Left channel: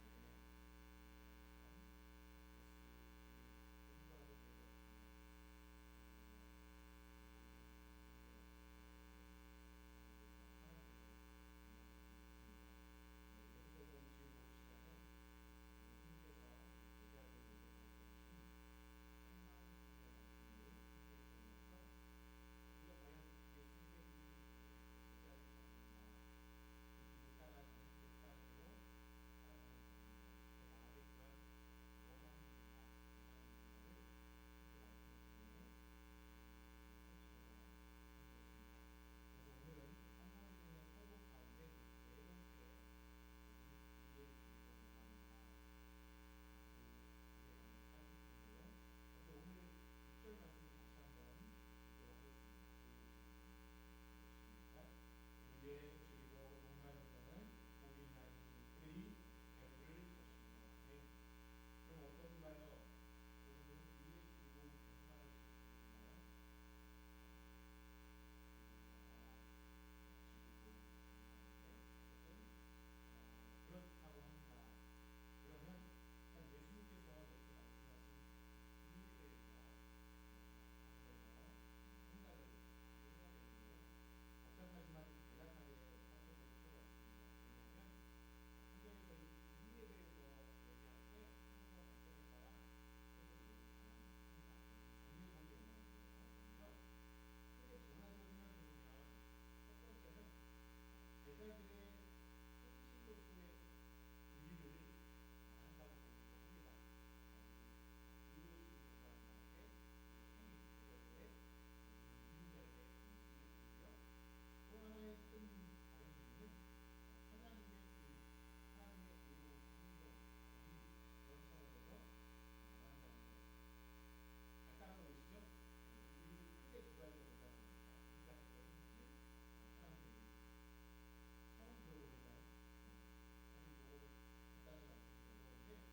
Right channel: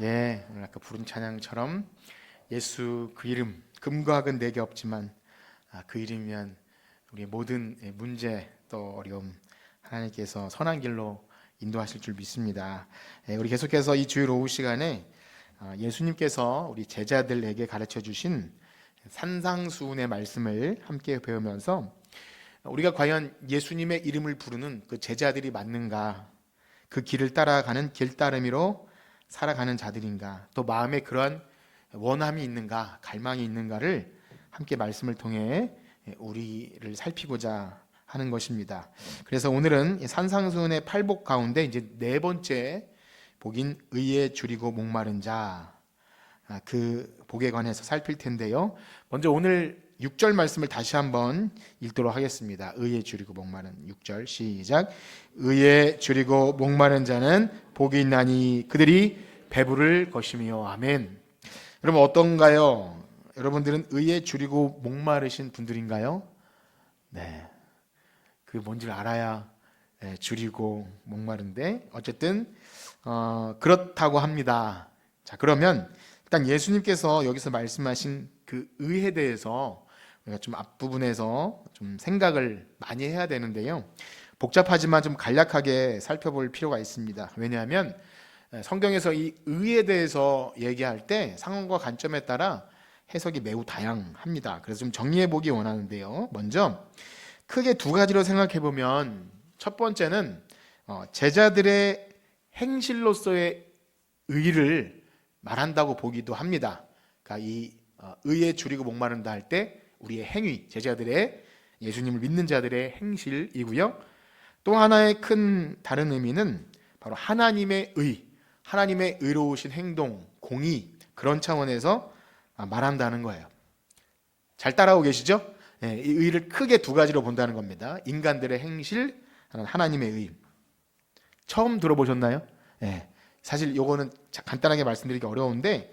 예, 오늘 아까 부른 찬양처럼 예수 그 이름 금과 학은 내게 없지만 그 이름이면 우리의 모든 문제 또 어려움 하나님께서 선한 길로 인도하실 줄 믿습니다. 우리 계속해서 이 주일 오후 시간에 예수님께서 우리 제자들에게 가르쳐 주신 산상수훈의 말씀을 함께 배우면서 우리가 과연 예수님의 이름을 부르는 그 제자들이 맞는가, 그 길을 따라가는 길따름이로 살아가는 자들인가, 또 마음에 그러한 원함이 있는가, 갈망이 있는가를 함께 말씀을 통해 우리를 살피고자 하는 것입니다. 그래서 오늘은 산상수훈의 팔복 가운데 이제 네 번째 복인 의에 줄이고 목마른 자, 그 복에 관해서 살필 텐데요. 먼저 오늘 6절 말씀을 다시 한번 읽도록 하겠습니다. 의에 줄이고 목마른 6절 시작. 의에 줄이고 목마른 자는 복이 있나니 그들이 배부를 것이며. 아멘. 여러분 어떤가요? 여러분들은 의에 줄이고 목마르신 분들인가요? 네, 그 뭔지를 알아야 줄이고 목마른데 어쨌든 그렇다고 합니다. 자, 그러면 일단 예수님께서 여기서 말씀하신 그 의에 대해서 우리가 좀 앞부분에서 좀 생각을 많이 해야 되는데요. 복잡하지만 좀 간략하게 살펴볼 필요가 있습니다. 왜냐하면 성경에서 이 의에 대해서 얘기할 때 상황과 관점에 따라 해석이 매우 다양합니다. 그래서 좀 정리해 보기 원하는데요. 먼저 크게 두 가지로 생각해 보면 첫 번째는 제자들의 행실로서의 의를 말한다고 보기도 합니다. 그러니까 이 의에 줄이고 목마른다 할 때 우리의 행위, 제자들의 예수님을 믿는 자들의 행실이고요. 또 하나의 큰 다른 의미는 바로 하나님의 의, 하나님의 의로우신 행동, 공의, 그런 차원에서 말한다는 거예요. 잘 따라오고 계시죠? 이 의를 크게 두 가지로 본다는 겁니다. 인간들의 행실, 하나님의 의. 처음 들어보셨나요? 사실 요거는 간단하게 말씀드리기 어려운데,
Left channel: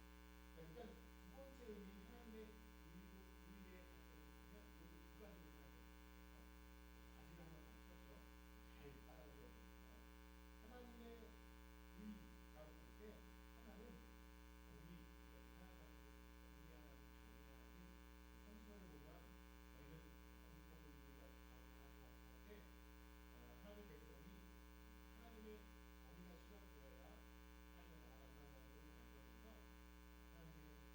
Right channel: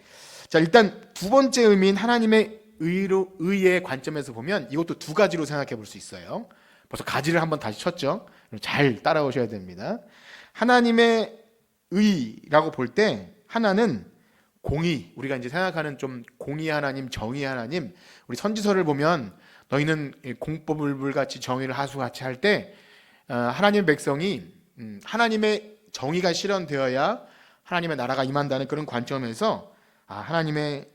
자, 일단 두 번째 의미인 하나님의 의의 관점에서 보면 이것도 두 가지로 생각해 볼 수 있어요. 벌써 가지를 한번 다시 쳤죠? 잘 따라오셔야 됩니다. 하나님의 의라고 볼 때 하나는 공의, 우리가 이제 생각하는 좀 공의 하나님, 정의 하나님. 우리 선지서를 보면 너희는 공법을 불같이 정의를 하수같이 할 때 하나님의 백성이 하나님의 정의가 실현되어야 하나님의 나라가 임한다는 그런 관점에서 하나님의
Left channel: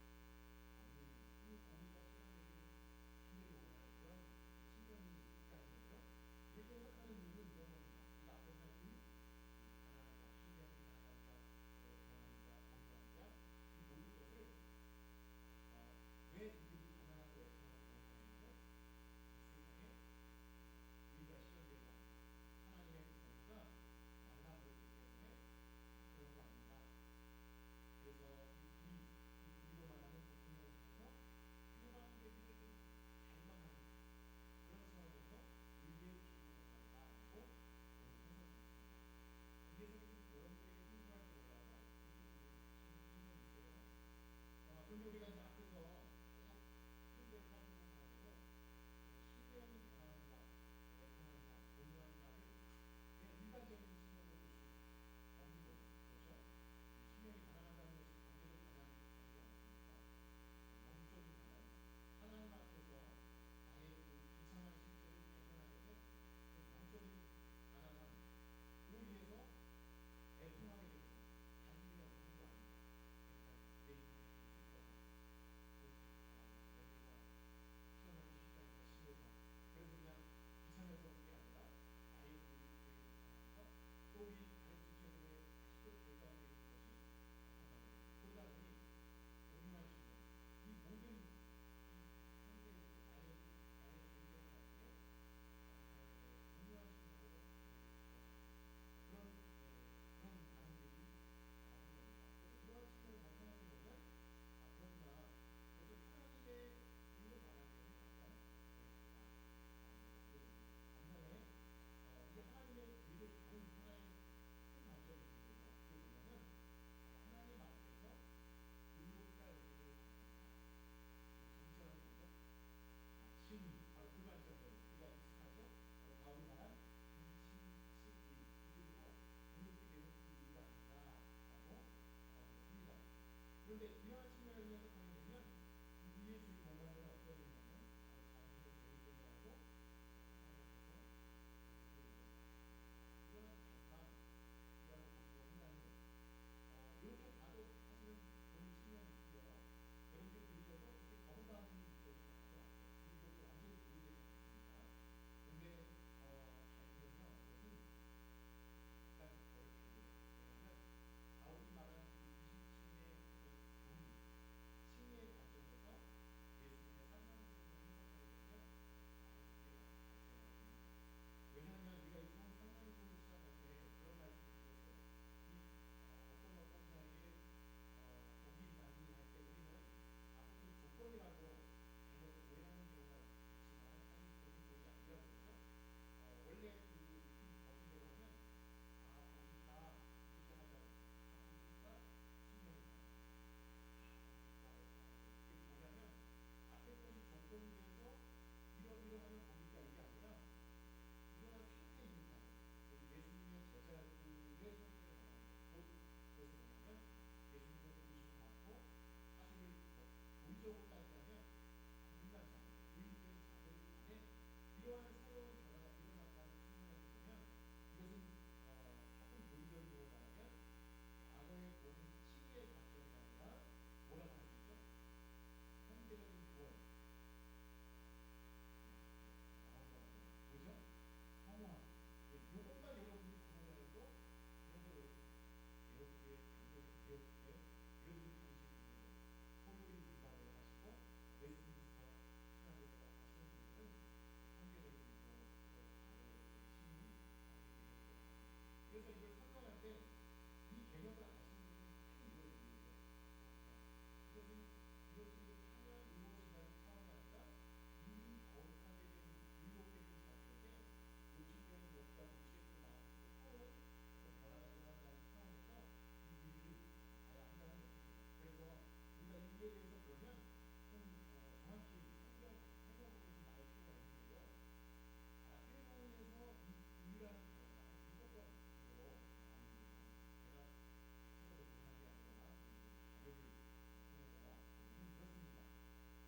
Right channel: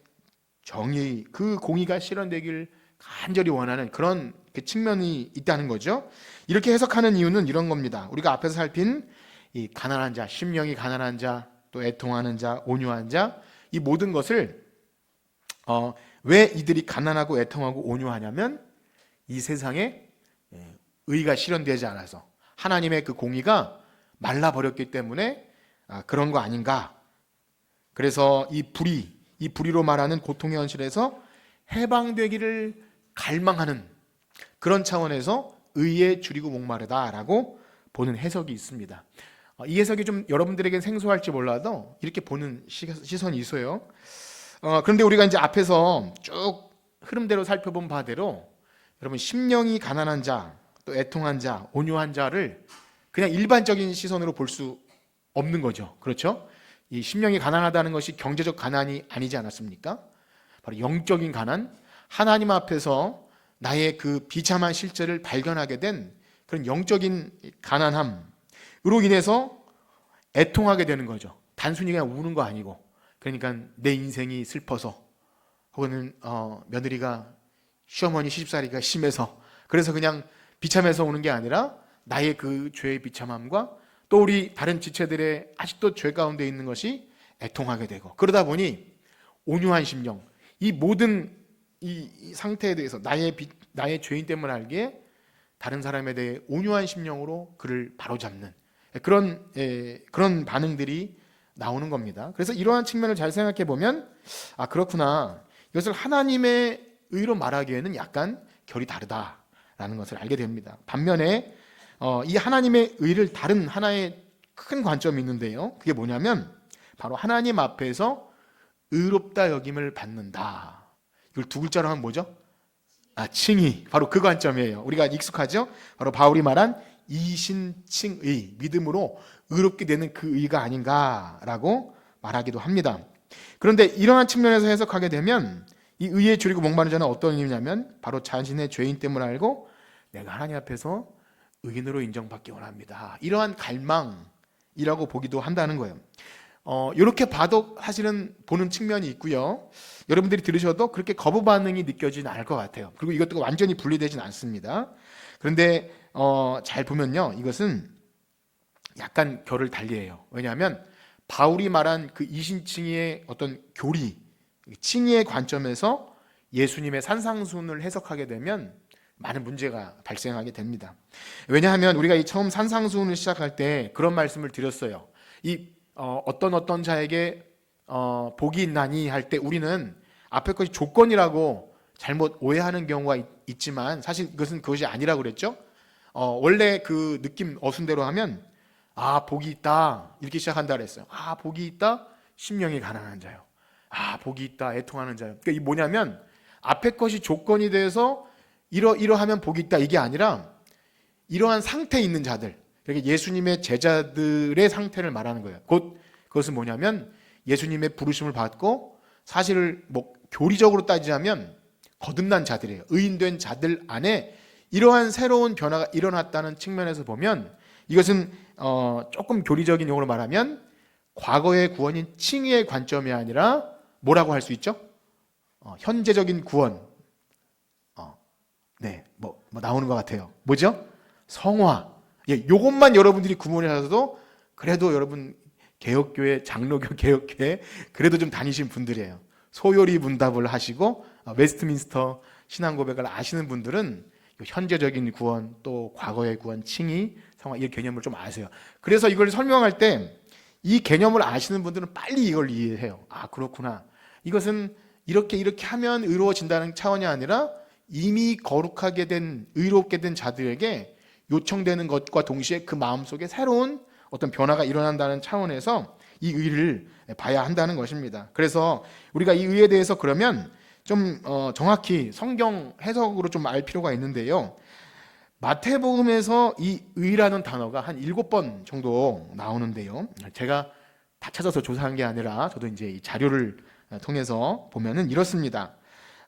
정의, 그 공의가 실현되길 간절히 원하는 그런 측면이 있다는 거죠. 이렇게 해석하는 이유는 이런 겁니다. 우리가 앞에서 살핀 이 가난한 자, 심령이 가난한 자, 또 애통하는 자, 온유한 자, 이 모든 것을 왜 이들이 가난하고 애통하고 온유하냐면 이 세상에 의가 실현되지 않아서 하나님의 그 공의가 말라버렸기 때문에 그런 거 아닌가. 그래서 이 불의로 말하는 고통의 현실에서 해방되기를 갈망하는 그런 차원에서 의에 줄이고 목마르다라고 보는 해석이 있습니다. 이 해석이 좀 여러분들에게 생소할지 몰라도 이렇게 보는 시선이 있어요. 그런데 우리가 이제 앞에서 쭉 흐름대로 살펴본 바대로 여러분 심령이 가난한 자, 또 애통한 자, 온유한 자를 그냥 일반적인 시선으로 볼 수 없는 거죠. 그렇죠? 이 심령이 가난하다는 것이 경제적 가난이 아니지 않았습니까? 바로 영적인 가난, 하나님 앞에서 나의 그 비참한 실제를 발견하게 된 그런 영적인 가난함으로 인해서 애통하게 되는 거죠. 단순히 그냥 우는 거 아니고, 그러니까 내 인생이 슬퍼서, 혹은 며느리가 시어머니 시집살이가 심해서, 그래서 그냥 비참해서 우는 게 아니라 나의 그 죄의 비참함과 또 우리 다른 지체들의 아직도 죄 가운데 있는 것이 애통하게 되고, 그러다 보니 온유한 심령, 이 모든 이 상태에 대해서 나의 죄인 때문에 알기에 다른 사람에 대해 온유한 심령으로 그를 바로잡는 그런 반응들이 나오는 겁니다. 그래서 이러한 측면을 잘 생각해 보면 그렇구나, 이것을 하나님의 의로 말하기에는 약간 결이 다르다라는 것을 알게 됩니다. 반면에 이 하나님의 의를 다른 하나의 큰 관점이 있는데요. 그게 뭐냐면 바로 하나님 앞에서 의롭다 여김을 받는다. 이걸 두 글자로 하면 뭐죠? 칭의. 바로 그 관점이에요. 우리가 익숙하죠? 바로 바울이 말한 이신칭의, 믿음으로 의롭게 되는 그 의가 아닌가라고 말하기도 합니다. 그런데 이러한 측면에서 해석하게 되면 이 의에 줄이고 목마른 자는 어떤 의미냐면 바로 자신의 죄인 때문을 알고 내가 하나님 앞에서 의인으로 인정받기 원합니다. 이러한 갈망이라고 보기도 한다는 거예요. 이렇게 봐도 사실은 보는 측면이 있고요. 여러분들이 들으셔도 그렇게 거부 반응이 느껴지진 않을 것 같아요. 그리고 이것도 완전히 분리되진 않습니다. 그런데 잘 보면요, 이것은 약간 결을 달리해요. 왜냐하면 바울이 말한 그 이신칭의의 어떤 교리, 칭의의 관점에서 예수님의 산상순을 해석하게 되면 많은 문제가 발생하게 됩니다. 왜냐하면 우리가 이 처음 산상순을 시작할 때 그런 말씀을 드렸어요. 이 어떤 자에게 복이 있나니 할 때 우리는 앞에 것이 조건이라고 잘못 오해하는 경우가 있지만 사실 그것이 아니라고 그랬죠. 원래 그 느낌 어순대로 하면 복이 있다 이렇게 시작한다 그랬어요. 복이 있다 심령이 가난한 자요. 복이 있다 애통하는 자요. 그러니까 이 뭐냐면 앞에 것이 조건이 돼서 이러하면 복이 있다 이게 아니라 이러한 상태에 있는 자들, 그러니까 예수님의 제자들의 상태를 말하는 거예요. 그것은 뭐냐면 예수님의 부르심을 받고 사실을 교리적으로 따지자면 거듭난 자들이에요. 의인된 자들 안에 이러한 새로운 변화가 일어났다는 측면에서 보면 이것은 조금 교리적인 용어로 말하면 과거의 구원인 칭의의 관점이 아니라 뭐라고 할 수 있죠? 현재적인 구원. 나오는 것 같아요. 뭐죠? 성화. 요것만 여러분들이 구분을 하셔도 그래도 여러분 개혁교회, 장로교 개혁교회 그래도 좀 다니신 분들이에요. 소요리 문답을 하시고 웨스트민스터 신앙고백을 아시는 분들은 현재적인 구원 또 과거의 구원, 칭의, 성화 이 개념을 좀 아세요. 그래서 이걸 설명할 때 이 개념을 아시는 분들은 빨리 이걸 이해해요. 그렇구나. 이것은 이렇게 하면 의로워진다는 차원이 아니라 이미 거룩하게 된 의롭게 된 자들에게 요청되는 것과 동시에 그 마음속에 새로운 어떤 변화가 일어난다는 차원에서 이 의를 봐야 한다는 것입니다. 그래서 우리가 이 의에 대해서 그러면 좀 정확히 성경 해석으로 좀 알 필요가 있는데요. 마태복음에서 이 의라는 단어가 한 7번 정도 나오는데요. 제가 다 찾아서 조사한 게 아니라 저도 이제 이 자료를 통해서 보면은 이렇습니다.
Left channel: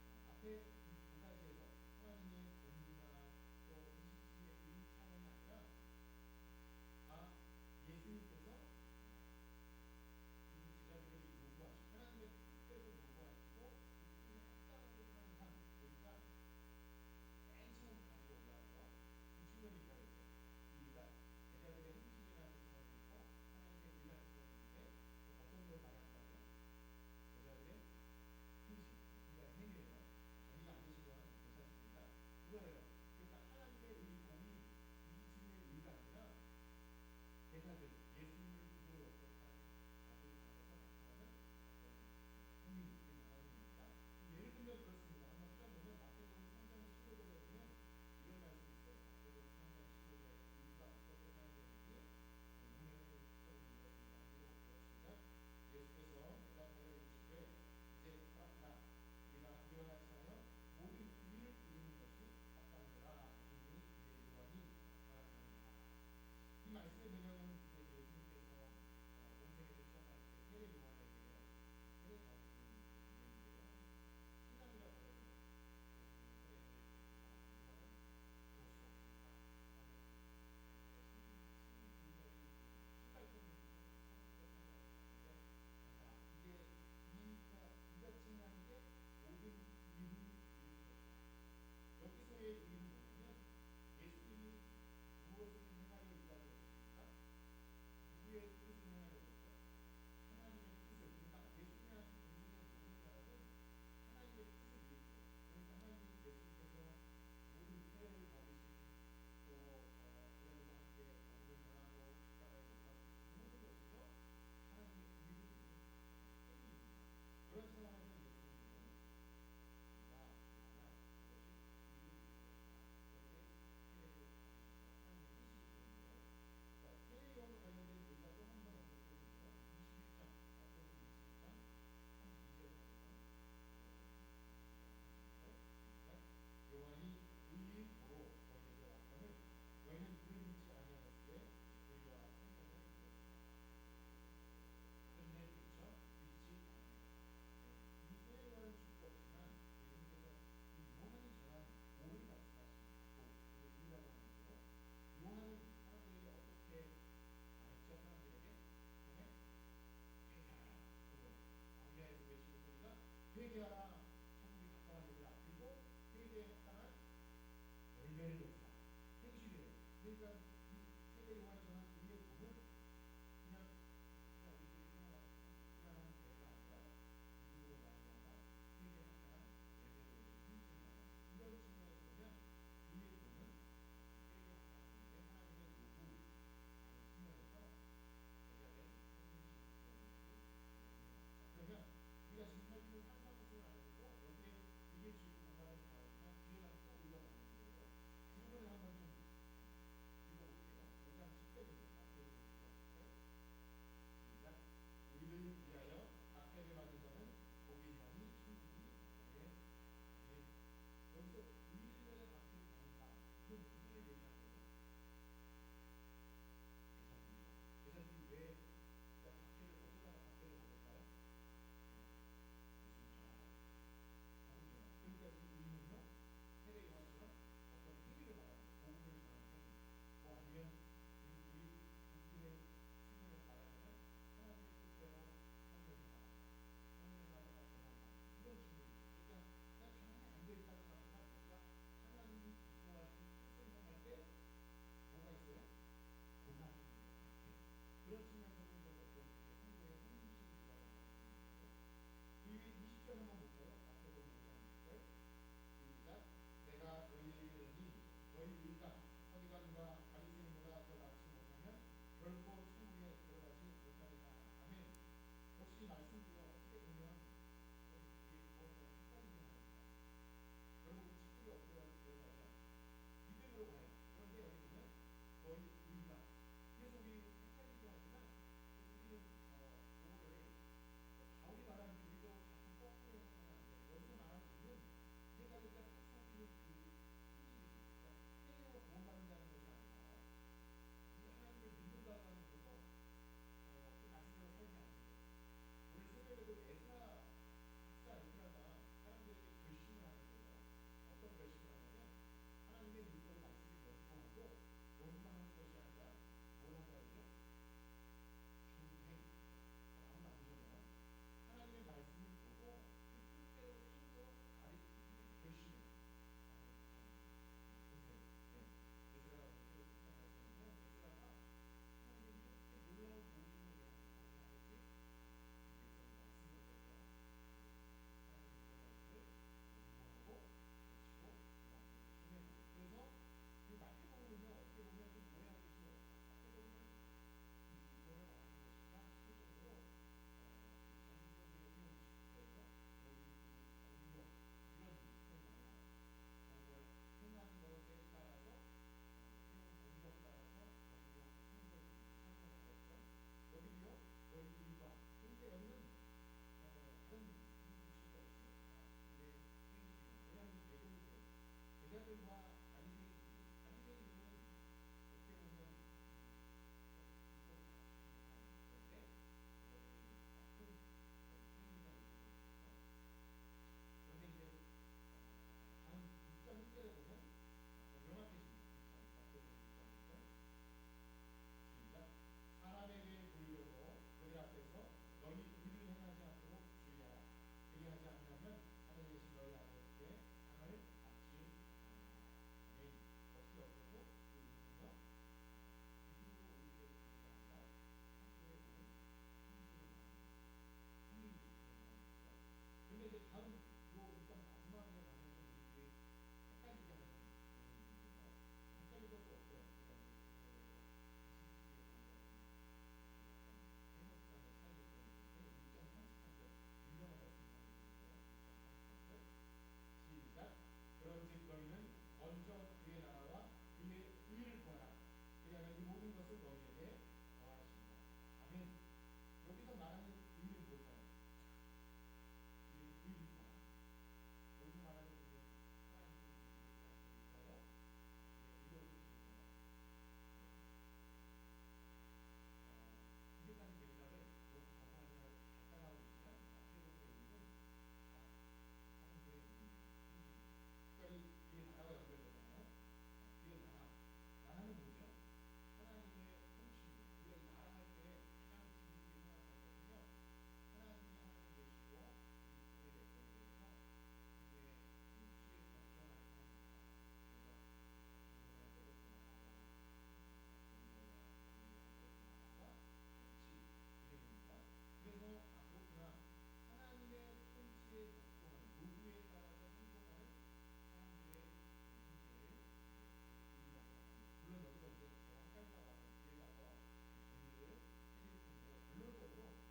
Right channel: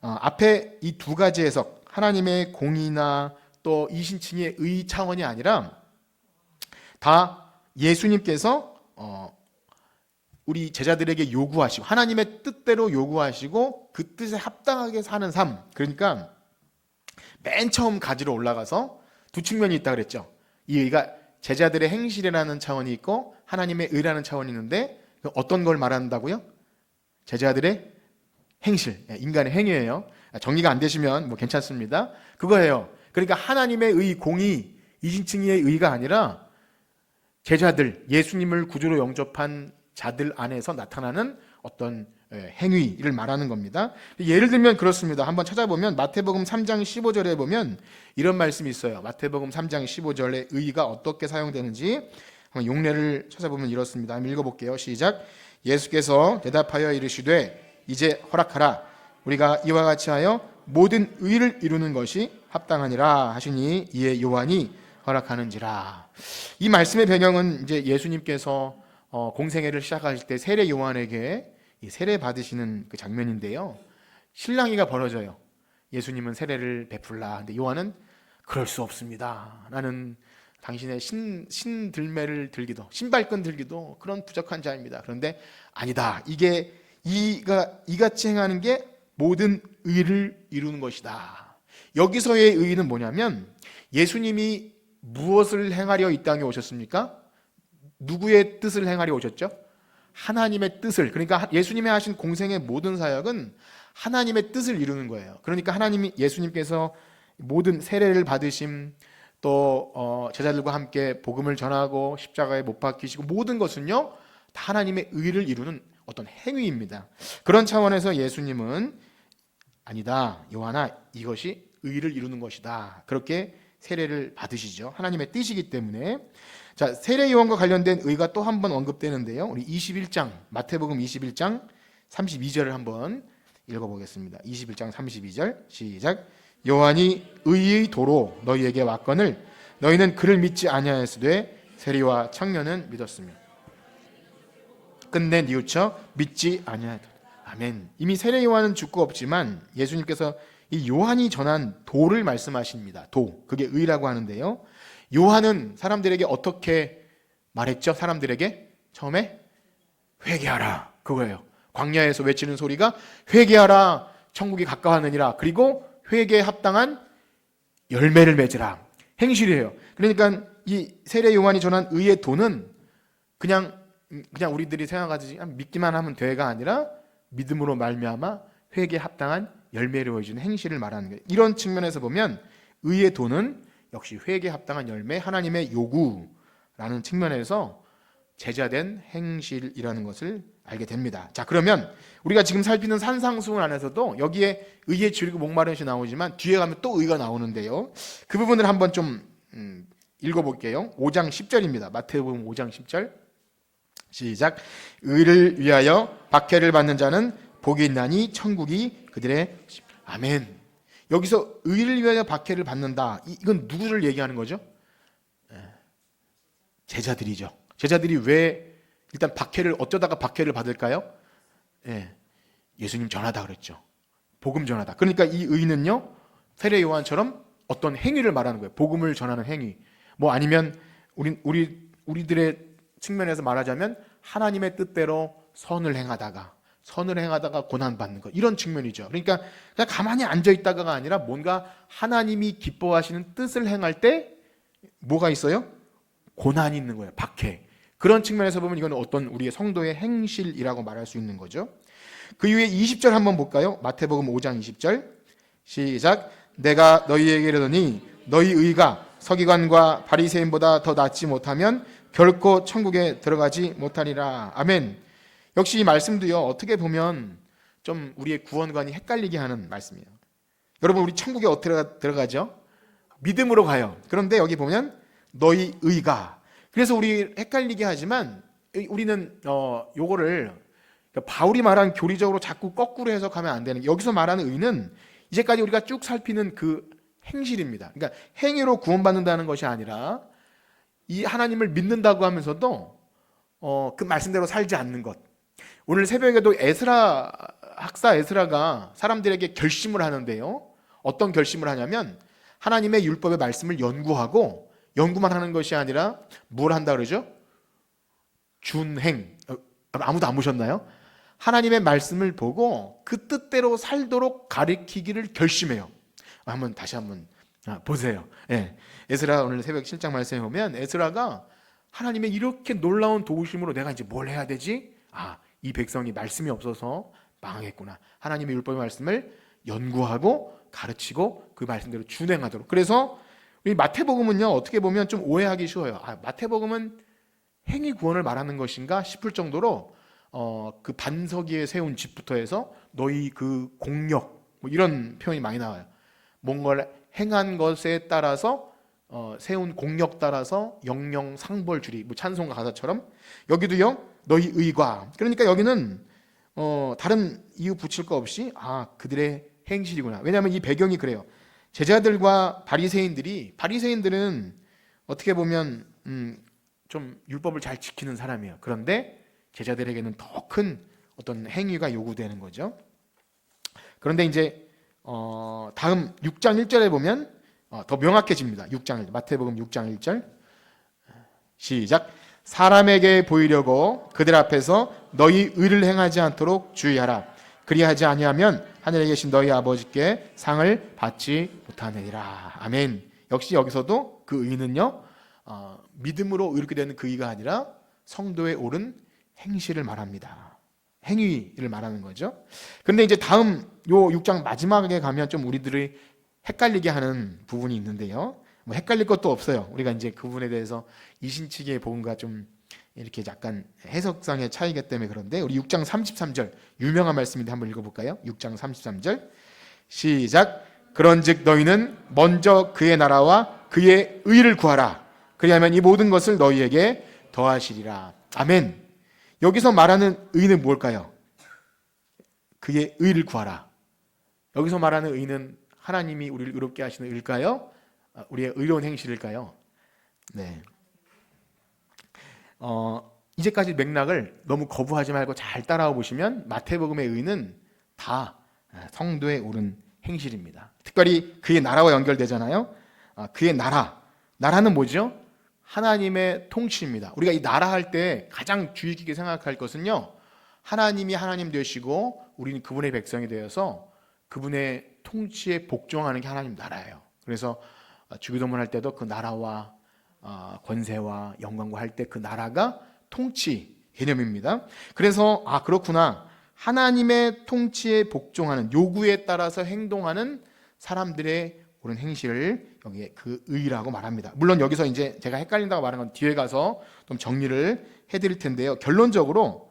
앞에 이 두 가지 해석, 하나님의 공의나 또 이신칭의 의 차원이 아니라 다 예수님께서 우리 제자들에게 요구하시고 하나님의 뜻대로 요구하시고 그 뜻에 합당하게 사는 삶. 그러니까 맨 처음 가지로 올라가서 두 측면이 있다 그랬죠. 이 의가 제자들의 행실이라는 차원이 있고 하나님의 의라는 차원이 있는데 어떤 걸 말한다고요? 제자들의 행실, 인간의 행위예요. 정리가 안 되시면 괜찮습니다. 그거예요. 그러니까 하나님의 의, 공의, 이신칭의의 의가 아니라 제자들, 예수님을 구주로 영접한 자들 안에서 나타나는 어떤 행위를 말하는 겁니다. 예를 들면 그렇습니다. 한번 찾아보면 마태복음 3장 15절에 보면 이런 말씀이 있어요. 마태복음 3장 15절에 의가 어떻게 사용되는지 한번 용례를 찾아보면 이렇습니다. 한번 읽어볼게요. 시작. 예수께서 대답하여 이르시되 이제 허락하라. 우리가 이와 같이 하여 모든 의를 이루는 것이 합당하니라 하시니 이에 요한이 허락하는지라. 이 말씀의 배경은 이제 예수님께서 공생애를 시작하실 때 세례 요한에게 세례 받으시는 그 장면인데요. 실랑이가 벌어져요. 예수님은 세례를 베풀라. 근데 요한은 그럴 수 없습니다. 나는 당신의 신들매를 들기도 신발끈 들기도 그런 부족한 자입니다. 그런데 아니다. 이게 이같이 행하는 게 모든 의를 이루는 것이다. 여기서의 의는 뭐냐면 예수님이 무엇을 행하려 이 땅에 오셨습니까? 누구의 뜻을 행하려 오셨죠? 하나님의 뜻을. 그러니까 예수님이 하신 공생의 모든 사역은 하나님의 뜻을 이루는 거예요. 그러니까 예수님께서 모든 세례를 받으심 또 제자들과 함께 복음을 전하고 십자가에 못 박히시고 모든 것은요 다 하나님의 의를 이루는 어떤 행위입니다. 그런 차원에서 예수님은 아니다 요한아 이것이 의를 이루는 것이다 그렇게 세례를 받으시죠. 하나님의 뜻이기 때문에. 자, 세례 요한과 관련된 의가 또 한 번 언급되는데요. 우리 21장 마태복음 21장 32절을 한번 읽어보겠습니다. 21장 32절 시작. 요한이 의의 도로 너희에게 왔거늘 너희는 그를 믿지 아니하였으되 세리와 청년은 믿었으며. 끝내 뉘우쳐 믿지 아니하리라. 아멘. 이미 세례 요한은 죽고 없지만 예수님께서 이 요한이 전한 도를 말씀하십니다. 도, 그게 의라고 하는데요. 요한은 사람들에게 어떻게 말했죠? 사람들에게 처음에 회개하라, 그거예요. 광야에서 외치는 소리가 회개하라, 천국이 가까웠느니라. 그리고 회개에 합당한 열매를 맺으라, 행실이에요. 그러니까 이 세례 요한이 전한 의의 도는 그냥 우리들이 생각하듯이 믿기만 하면 돼가 아니라 믿음으로 말미암아 회개에 합당한 열매를 보여주는 행실을 말하는 거예요. 이런 측면에서 보면 의의 도는 역시 회개에 합당한 열매, 하나님의 요구라는 측면에서 제자된 행실이라는 것을 알게 됩니다. 자, 그러면 우리가 지금 살피는 산상수훈 안에서도 여기에 의에 줄이고 목마른 것이 나오지만 뒤에 가면 또 의가 나오는데요. 그 부분을 한번 좀 읽어볼게요. 5장 10절입니다. 마태복음 5장 10절 시작. 의를 위하여 박해를 받는 자는 복이 있나니 천국이 그들의. 아멘. 여기서 의를 위하여 박해를 받는다, 이건 누구를 얘기하는 거죠? 제자들이죠. 제자들이 왜 일단 어쩌다가 박해를 받을까요? 예수님 전하다 그랬죠. 복음 전하다. 그러니까 이 의는요, 세례 요한처럼 어떤 행위를 말하는 거예요. 복음을 전하는 행위. 뭐 아니면 우리들의 측면에서 말하자면 하나님의 뜻대로 선을 행하다가 고난 받는 것, 이런 측면이죠. 그러니까 그냥 가만히 앉아 있다가가 아니라 뭔가 하나님이 기뻐하시는 뜻을 행할 때 뭐가 있어요? 고난이 있는 거예요. 박해. 그런 측면에서 보면 이건 어떤 우리의 성도의 행실이라고 말할 수 있는 거죠. 그 이후에 20절 한번 볼까요? 마태복음 5장 20절 시작. 내가 너희에게 이르노니 너희 의가 서기관과 바리새인보다 더 낫지 못하면 결코 천국에 들어가지 못하리라. 아멘. 역시 이 말씀도요, 어떻게 보면 좀 우리의 구원관이 헷갈리게 하는 말씀이에요. 여러분, 우리 천국에 어떻게 들어가죠? 믿음으로 가요. 그런데 여기 보면 너희 의가, 그래서 우리 헷갈리게 하지만 우리는 요거를 바울이 말한 교리적으로 자꾸 거꾸로 해석하면 안 되는 게, 여기서 말하는 의는 이제까지 우리가 쭉 살피는 그 행실입니다. 그러니까 행위로 구원받는다는 것이 아니라 이 하나님을 믿는다고 하면서도 그 말씀대로 살지 않는 것. 오늘 새벽에도 학사 에스라가 사람들에게 결심을 하는데요, 어떤 결심을 하냐면 하나님의 율법의 말씀을 연구만 하는 것이 아니라 뭘 한다 그러죠? 준행. 아무도 안 보셨나요? 하나님의 말씀을 보고 그 뜻대로 살도록 가르치기를 결심해요. 다시 한번 보세요. 에스라 오늘 새벽 7장 말씀에 보면 에스라가 하나님의 이렇게 놀라운 도우심으로 내가 이제 뭘 해야 되지? 이 백성이 말씀이 없어서 망하겠구나. 하나님의 율법의 말씀을 연구하고 가르치고 그 말씀대로 준행하도록. 그래서 우리 마태복음은요, 어떻게 보면 좀 오해하기 쉬워요. 마태복음은 행위 구원을 말하는 것인가 싶을 정도로 그 반석 위에 세운 집부터 해서 너희 그 공력, 뭐 이런 표현이 많이 나와요. 뭔가를 행한 것에 따라서 세운 공력 따라서 영영 상벌 주리, 뭐 찬송가 가사처럼 여기도요, 너희 의과. 그러니까 여기는 다른 이유 붙일 거 없이 그들의 행실이구나. 왜냐하면 이 배경이 그래요. 제자들과 바리새인들은 어떻게 보면 좀 율법을 잘 지키는 사람이에요. 그런데 제자들에게는 더 큰 어떤 행위가 요구되는 거죠. 그런데 이제 다음 6장 1절에 보면 더 명확해집니다. 6장 1절, 마태복음 6장 1절 시작. 사람에게 보이려고 그들 앞에서 너희 의를 행하지 않도록 주의하라. 그리하지 아니하면 하늘에 계신 너희 아버지께 상을 받지 못하느니라. 아멘. 역시 여기서도 그 의는요, 믿음으로 이렇게 되는 그 의가 아니라 성도의 옳은 행실을 말합니다. 행위를 말하는 거죠. 그런데 이제 다음 요 6장 마지막에 가면 좀 우리들이 헷갈리게 하는 부분이 있는데요. 뭐 헷갈릴 것도 없어요. 우리가 이제 그 부분에 대해서 이신치기의 복음과 좀 이렇게 약간 해석상의 차이기 때문에. 그런데 우리 6장 33절 유명한 말씀인데 한번 읽어볼까요? 6장 33절 시작. 그런즉 너희는 먼저 그의 나라와 그의 의를 구하라. 그리하면 이 모든 것을 너희에게 더하시리라. 아멘. 여기서 말하는 의는 뭘까요? 그의 의를 구하라. 여기서 말하는 의는 하나님이 우리를 의롭게 하시는 의일까요? 우리의 의로운 행실일까요? 네. 이제까지 맥락을 너무 거부하지 말고 잘 따라와 보시면 마태복음의 의는 다 성도에 옳은 행실입니다. 특별히 그의 나라와 연결되잖아요. 그의 나라는 뭐죠? 하나님의 통치입니다. 우리가 이 나라 할 때 가장 주의 깊게 생각할 것은요, 하나님이 하나님 되시고 우리는 그분의 백성이 되어서 그분의 통치에 복종하는 게 하나님 나라예요. 그래서 주기도문 할 때도 그 나라와 권세와 영광과 할 때 그 나라가 통치 개념입니다. 그래서 그렇구나, 하나님의 통치에 복종하는, 요구에 따라서 행동하는 사람들의 옳은 행실을 여기에 그 의라고 말합니다. 물론 여기서 이제 제가 헷갈린다고 말한 건 뒤에 가서 좀 정리를 해드릴 텐데요. 결론적으로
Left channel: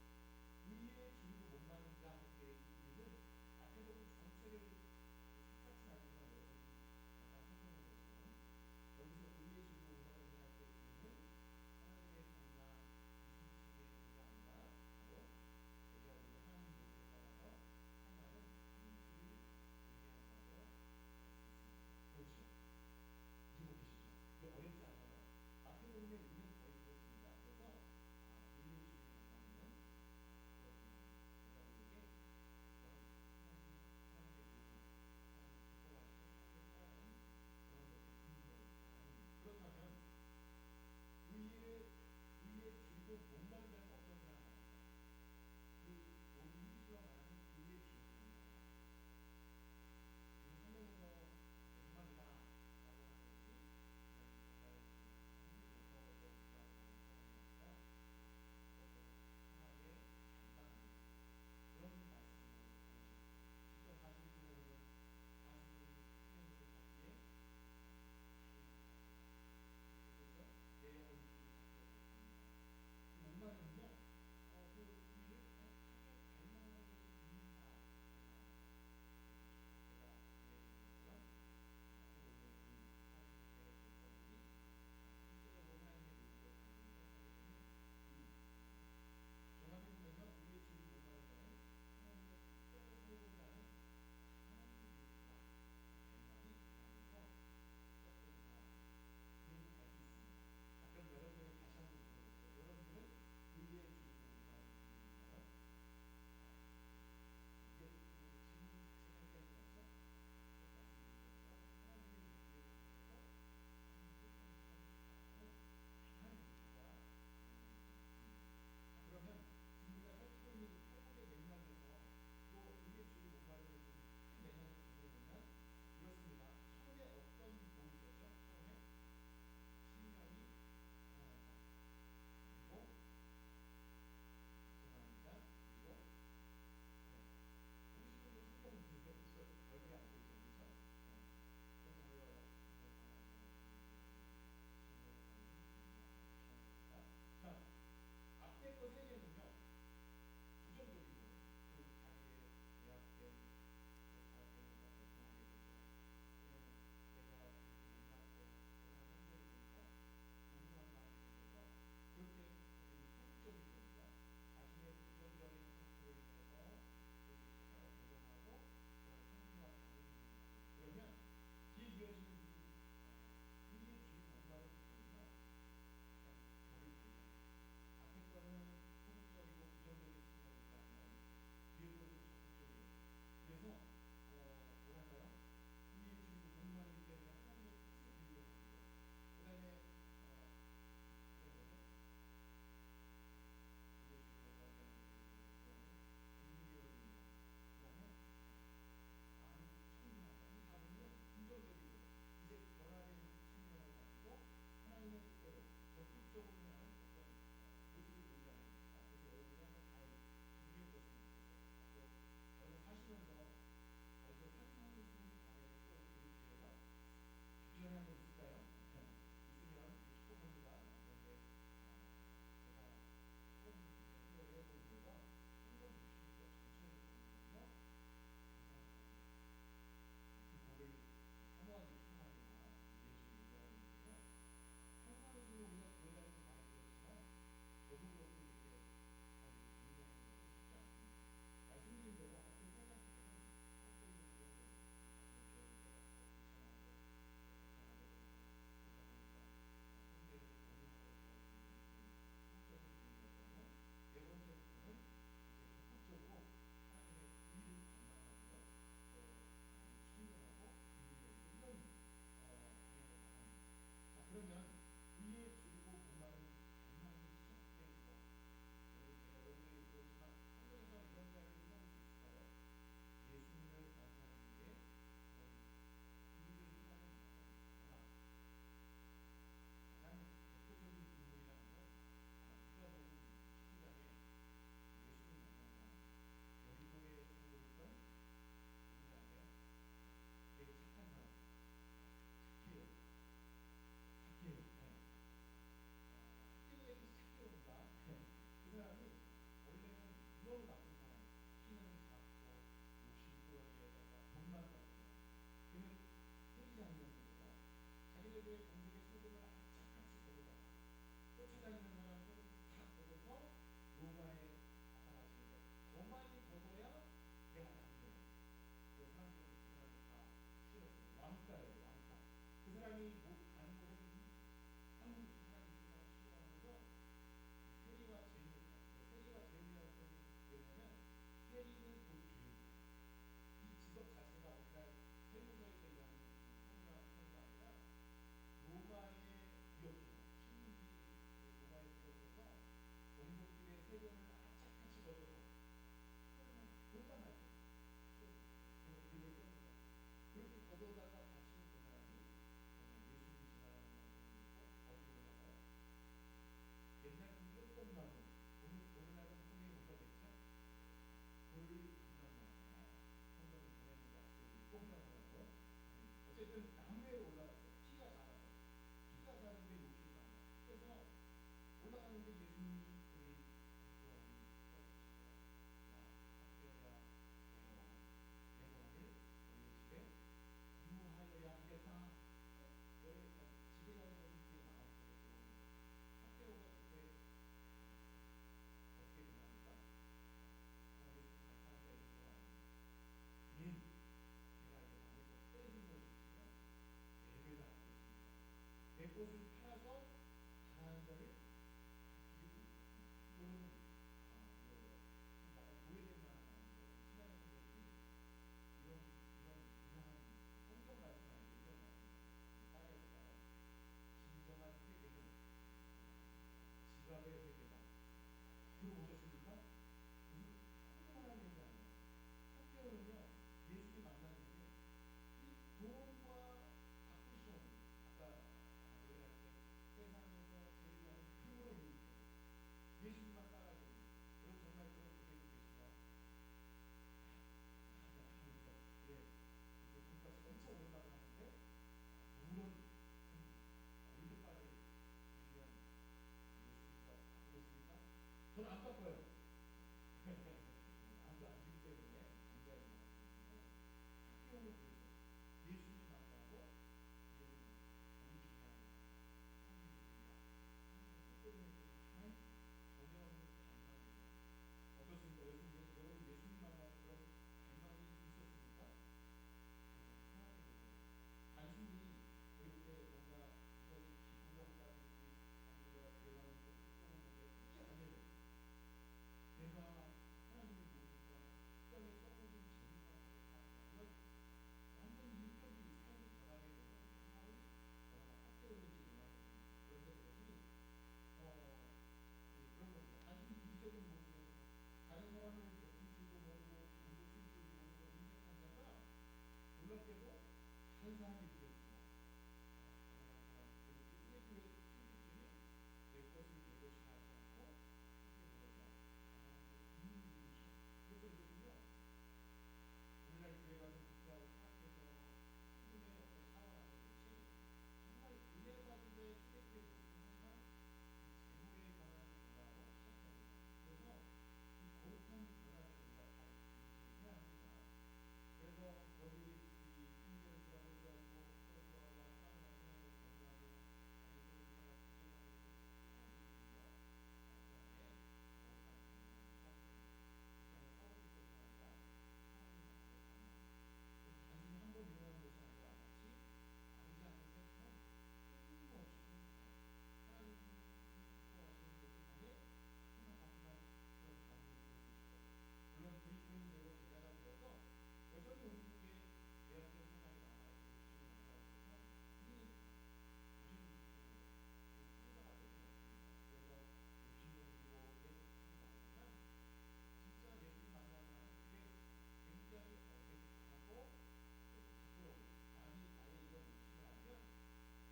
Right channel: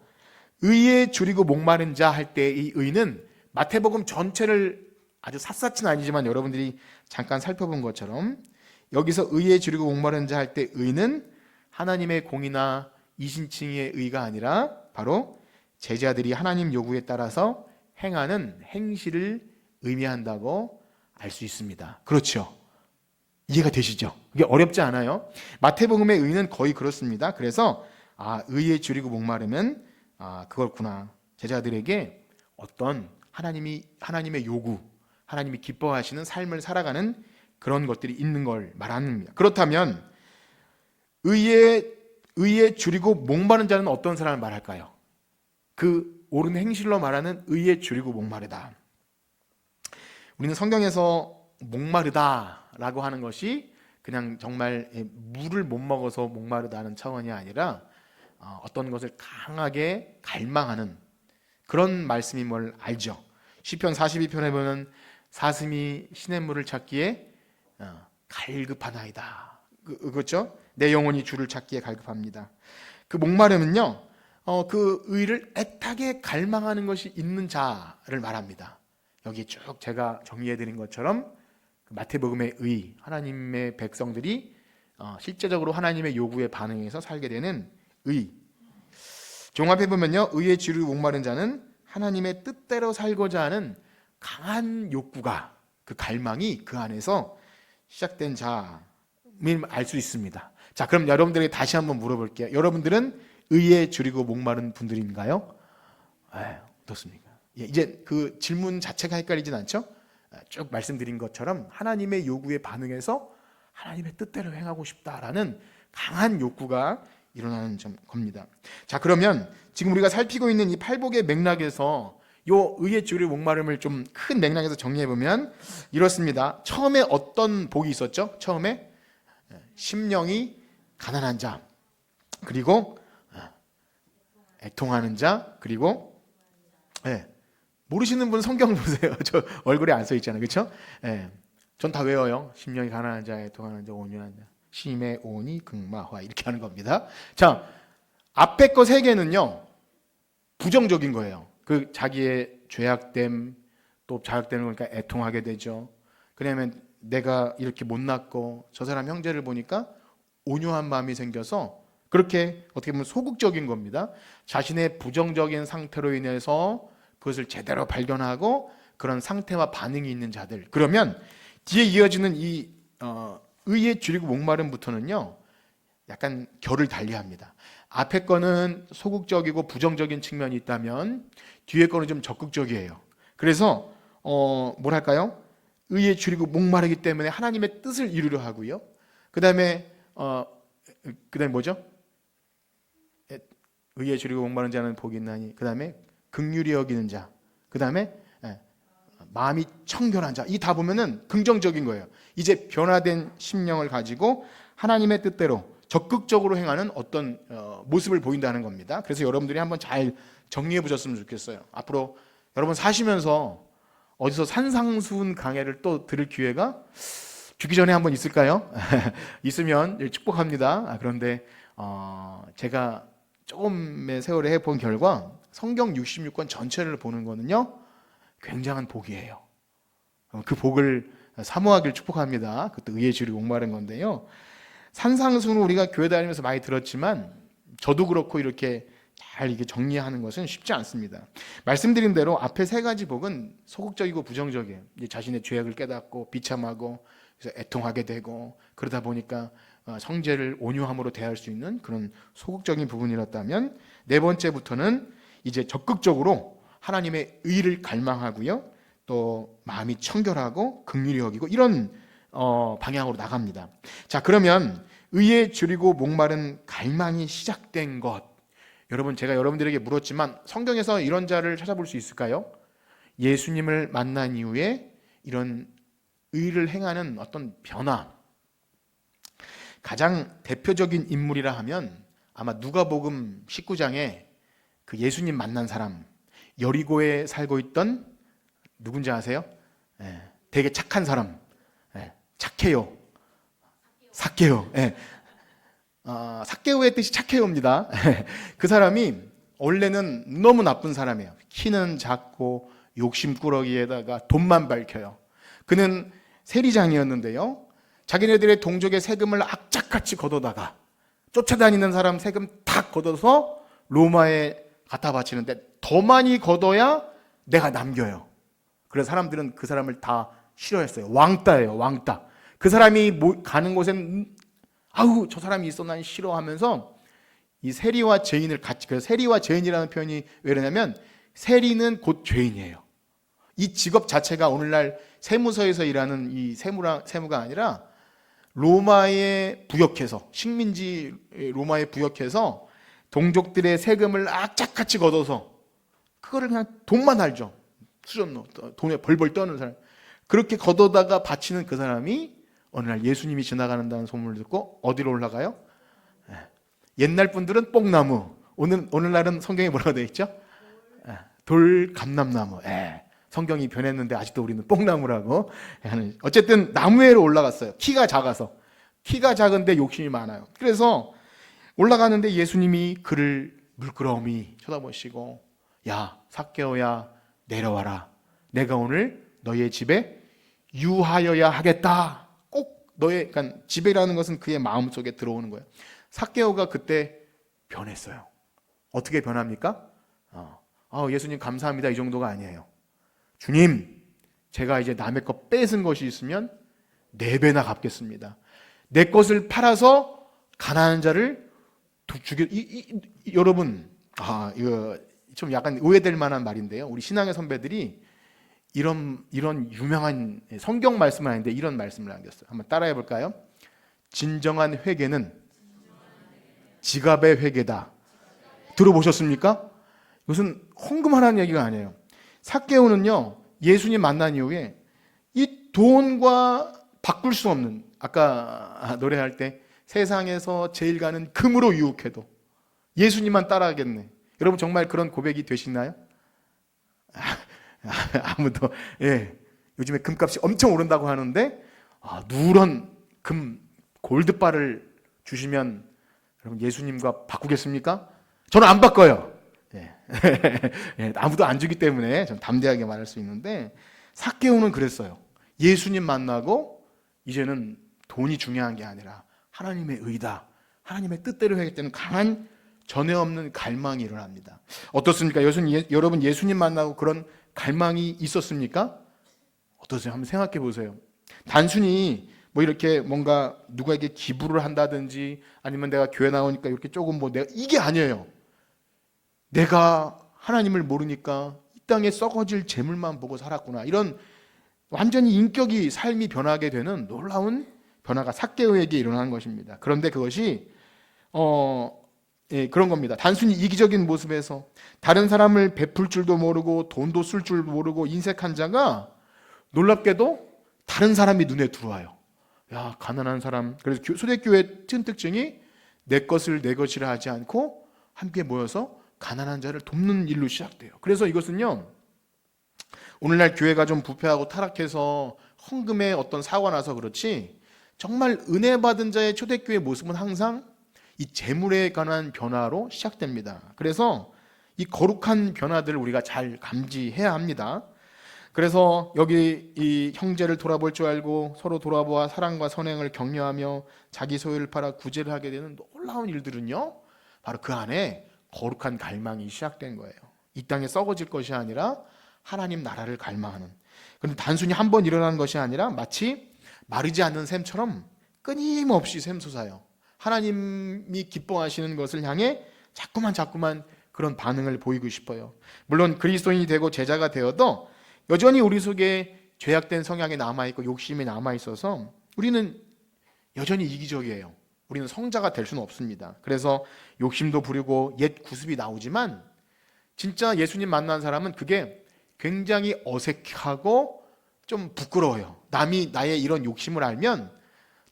의에 줄이고 목마른 자 할 때 이 의는 마태복음 전체를 아주 샅샅이는 아니지만 여러분들이 잠깐 살펴본 것처럼 여기서 의에 줄이고 목마른 자 할 때 의는 하나님의 공이나 이신칭의 의가 아니라 바로 제자들이 하나님 요구에 따라서 행하는 행실을 의미한다고 알 수 있습니다. 그렇죠? 이해가 되시죠? 이게 어렵지 않아요. 마태복음의 의는 거의 그렇습니다. 그래서 의에 줄이고 목마르면 그렇구나, 제자들에게 어떤 하나님의 요구, 하나님이 기뻐하시는 삶을 살아가는 그런 것들이 있는 걸 말합니다. 그렇다면 의에 줄이고 목마른 자는 어떤 사람을 말할까요? 그 옳은 행실로 말하는 의에 줄이고 목마르다. 우리는 성경에서 목마르다라고 하는 것이 그냥 정말 물을 못 먹어서 목마르다는 차원이 아니라 어떤 것을 강하게 갈망하는 그런 말씀임을 알죠. 시편 42편에 보면 사슴이 시냇물을 찾기에 갈급하나이다. 그렇죠? 내 영혼이 주를 찾기에 갈급합니다. 그 목마름은요, 그 의를 애타게 갈망하는 것이 있는 자를 말합니다. 여기 쭉 제가 정리해드린 것처럼 마태복음의 의, 하나님의 백성들이 실제적으로 하나님의 요구에 반응해서 살게 되는 의. 종합해 보면요, 의에 줄이고 목마른 자는 하나님의 뜻대로 살고자 하는 강한 욕구가, 그 갈망이 그 안에서 시작된 자임을 알 수 있습니다. 자, 그럼 여러분들에게 다시 한번 물어볼게요. 여러분들은 의에 줄이고 목마른 분들인가요? 어떻습니까? 이제 그 질문 자체가 헷갈리진 않죠? 쭉 말씀드린 것처럼 하나님의 요구에 반응해서 하나님의 뜻대로 행하고 싶다라는 강한 욕구가 일어나는 겁니다. 자, 그러면 지금 우리가 살피고 있는 이 팔복의 맥락에서 요 의에 줄이고 목마름을 좀 큰 맥락에서 정리해 보면 이렇습니다. 처음에 어떤 복이 있었죠? 처음에 심령이 가난한 자, 그리고 애통하는 자, 그리고 모르시는 분 성경 보세요. 저 얼굴에 안 써 있잖아요, 그렇죠? 전 다 외워요. 심령이 가난한 자, 애통하는 자, 온유한 자, 심의 온이 극마화 이렇게 하는 겁니다. 자, 앞에 거 세 개는요 부정적인 거예요. 그 자기의 죄악됨, 또 자각되는 거니까 애통하게 되죠. 그러면 내가 이렇게 못났고 저 사람 형제를 보니까 온유한 마음이 생겨서 그렇게 어떻게 보면 소극적인 겁니다. 자신의 부정적인 상태로 인해서 그것을 제대로 발견하고 그런 상태와 반응이 있는 자들. 그러면 뒤에 이어지는 이 의에 줄이고 목마름부터는요 약간 결을 달리합니다. 앞에 거는 소극적이고 부정적인 측면이 있다면 뒤에 거는 좀 적극적이에요. 그래서 뭐랄까요? 의에 줄이고 목마르기 때문에 하나님의 뜻을 이루려 하고요. 그다음에 뭐죠? 의에 줄이고 목마른 자는 복이 있나니. 그다음에 긍휼히 여기는 자. 그다음에 마음이 청결한 자. 이 다 보면은 긍정적인 거예요. 이제 변화된 심령을 가지고 하나님의 뜻대로 적극적으로 행하는 어떤 모습을 보인다는 겁니다. 그래서 여러분들이 한번 잘 정리해 보셨으면 좋겠어요. 앞으로 여러분 사시면서 어디서 산상수훈 강해를 또 들을 기회가 죽기 전에 한번 있을까요? 있으면 축복합니다. 그런데 제가 조금의 세월에 해본 결과 성경 66권 전체를 보는 거는요 굉장한 복이에요. 그 복을 사모하길 축복합니다. 그것도 의에 줄이고 목마른 건데요. 산상수훈을 우리가 교회 다니면서 많이 들었지만 저도 그렇고 이렇게 잘 이게 정리하는 것은 쉽지 않습니다. 말씀드린 대로 앞에 세 가지 복은 소극적이고 부정적이에요. 이제 자신의 죄악을 깨닫고 비참하고 그래서 애통하게 되고 그러다 보니까 형제를 온유함으로 대할 수 있는 그런 소극적인 부분이었다면, 네 번째부터는 이제 적극적으로 하나님의 의를 갈망하고요, 또 마음이 청결하고 긍휼히 여기고 이런 방향으로 나갑니다. 자, 그러면 의에 줄이고 목마른 갈망이 시작된 것, 여러분, 제가 여러분들에게 물었지만 성경에서 이런 자를 찾아볼 수 있을까요? 예수님을 만난 이후에 이런 의를 행하는 어떤 변화, 가장 대표적인 인물이라 하면 아마 누가복음 19장에 그 예수님 만난 사람, 여리고에 살고 있던 누군지 아세요? 되게 착한 사람, 착해요. 삭개요. 삭개오의 뜻이 착해요입니다. 그 사람이 원래는 너무 나쁜 사람이에요. 키는 작고 욕심꾸러기에다가 돈만 밝혀요. 그는 세리장이었는데요, 자기네들의 동족의 세금을 악착같이 걷어다가 쫓아다니는 사람 세금 다 걷어서 로마에 갖다 바치는데 더 많이 걷어야 내가 남겨요. 그래서 사람들은 그 사람을 다 싫어했어요. 왕따예요, 왕따. 그 사람이 가는 곳엔 아우 저 사람이 있어 난 싫어하면서 이 세리와 죄인을 같이, 그래서 세리와 죄인이라는 표현이 왜 그러냐면 세리는 곧 죄인이에요. 이 직업 자체가 오늘날 세무서에서 일하는 이 세무가 아니라 로마에 부역해서, 식민지 로마에 부역해서 동족들의 세금을 악착같이 걷어서 그거를 그냥 돈만 알죠. 수저노 돈에 벌벌 떠는 사람, 그렇게 걷어다가 바치는 그 사람이 어느 날 예수님이 지나가는다는 소문을 듣고 어디로 올라가요? 옛날 분들은 뽕나무, 오늘날은 성경에 뭐라고 되어 있죠? 돌감람나무. 성경이 변했는데 아직도 우리는 뽕나무라고 하는, 어쨌든 나무 위로 올라갔어요. 키가 작은데 욕심이 많아요. 그래서 올라가는데 예수님이 그를 물끄러미 쳐다보시고, 야 삭개오야 내려와라, 내가 오늘 너의 집에 유하여야 하겠다. 꼭 너의, 그러니까 집이라는 것은 그의 마음속에 들어오는 거예요. 삭개오가 그때 변했어요. 어떻게 변합니까? 예수님 감사합니다 이 정도가 아니에요. 주님, 제가 이제 남의 것 뺏은 것이 있으면 4배나 갚겠습니다. 내 것을 팔아서 가난한 자를 여러분, 이거 좀 약간 오해될 만한 말인데요, 우리 신앙의 선배들이 이런 유명한 성경 말씀은 아닌데 이런 말씀을 남겼어요. 한번 따라해 볼까요? 진정한 회개는 지갑의 회개다. 들어보셨습니까? 이것은 헌금하라는 얘기가 아니에요. 삭개오는요, 예수님 만난 이후에 이 돈과 바꿀 수 없는, 아까 노래할 때 세상에서 제일 가는 금으로 유혹해도 예수님만 따라하겠네. 여러분 정말 그런 고백이 되시나요? 아무도. 요즘에 금값이 엄청 오른다고 하는데 누런 금 골드바를 주시면 여러분 예수님과 바꾸겠습니까? 저는 안 바꿔요. 아무도 안 주기 때문에 좀 담대하게 말할 수 있는데, 삭개오는 그랬어요. 예수님 만나고 이제는 돈이 중요한 게 아니라 하나님의 의다, 하나님의 뜻대로 하겠다는 강한 전에 없는 갈망이 일어납니다. 어떻습니까? 여러분 예수님 만나고 그런 갈망이 있었습니까? 어떠세요? 한번 생각해 보세요. 단순히 뭐 이렇게 뭔가 누구에게 기부를 한다든지 아니면 내가 교회 나오니까 이렇게 조금 뭐 내가, 이게 아니에요. 내가 하나님을 모르니까 이 땅에 썩어질 재물만 보고 살았구나, 이런 완전히 인격이, 삶이 변하게 되는 놀라운 변화가 삭개오에게 일어난 것입니다. 그런데 그것이 그런 겁니다. 단순히 이기적인 모습에서 다른 사람을 베풀 줄도 모르고 돈도 쓸 줄 모르고 인색한 자가 놀랍게도 다른 사람이 눈에 들어와요. 야, 가난한 사람. 그래서 초대교회 큰 특징이 내 것을 내 것이라 하지 않고 함께 모여서 가난한 자를 돕는 일로 시작돼요. 그래서 이것은요, 오늘날 교회가 좀 부패하고 타락해서 헌금에 어떤 사고가 나서 그렇지, 정말 은혜 받은 자의 초대교회 모습은 항상 이 재물에 관한 변화로 시작됩니다. 그래서 이 거룩한 변화들을 우리가 잘 감지해야 합니다. 그래서 여기 이 형제를 돌아볼 줄 알고 서로 돌아보아 사랑과 선행을 격려하며 자기 소유를 팔아 구제를 하게 되는 놀라운 일들은요, 바로 그 안에 거룩한 갈망이 시작된 거예요. 이 땅에 썩어질 것이 아니라 하나님 나라를 갈망하는. 그런데 단순히 한 번 일어나는 것이 아니라 마치 마르지 않는 샘처럼 끊임없이 샘솟아요. 하나님이 기뻐하시는 것을 향해 자꾸만 그런 반응을 보이고 싶어요. 물론 그리스도인이 되고 제자가 되어도 여전히 우리 속에 죄악된 성향이 남아있고 욕심이 남아있어서 우리는 여전히 이기적이에요. 우리는 성자가 될 수는 없습니다. 그래서 욕심도 부리고 옛 구습이 나오지만 진짜 예수님 만난 사람은 그게 굉장히 어색하고 좀 부끄러워요. 남이 나의 이런 욕심을 알면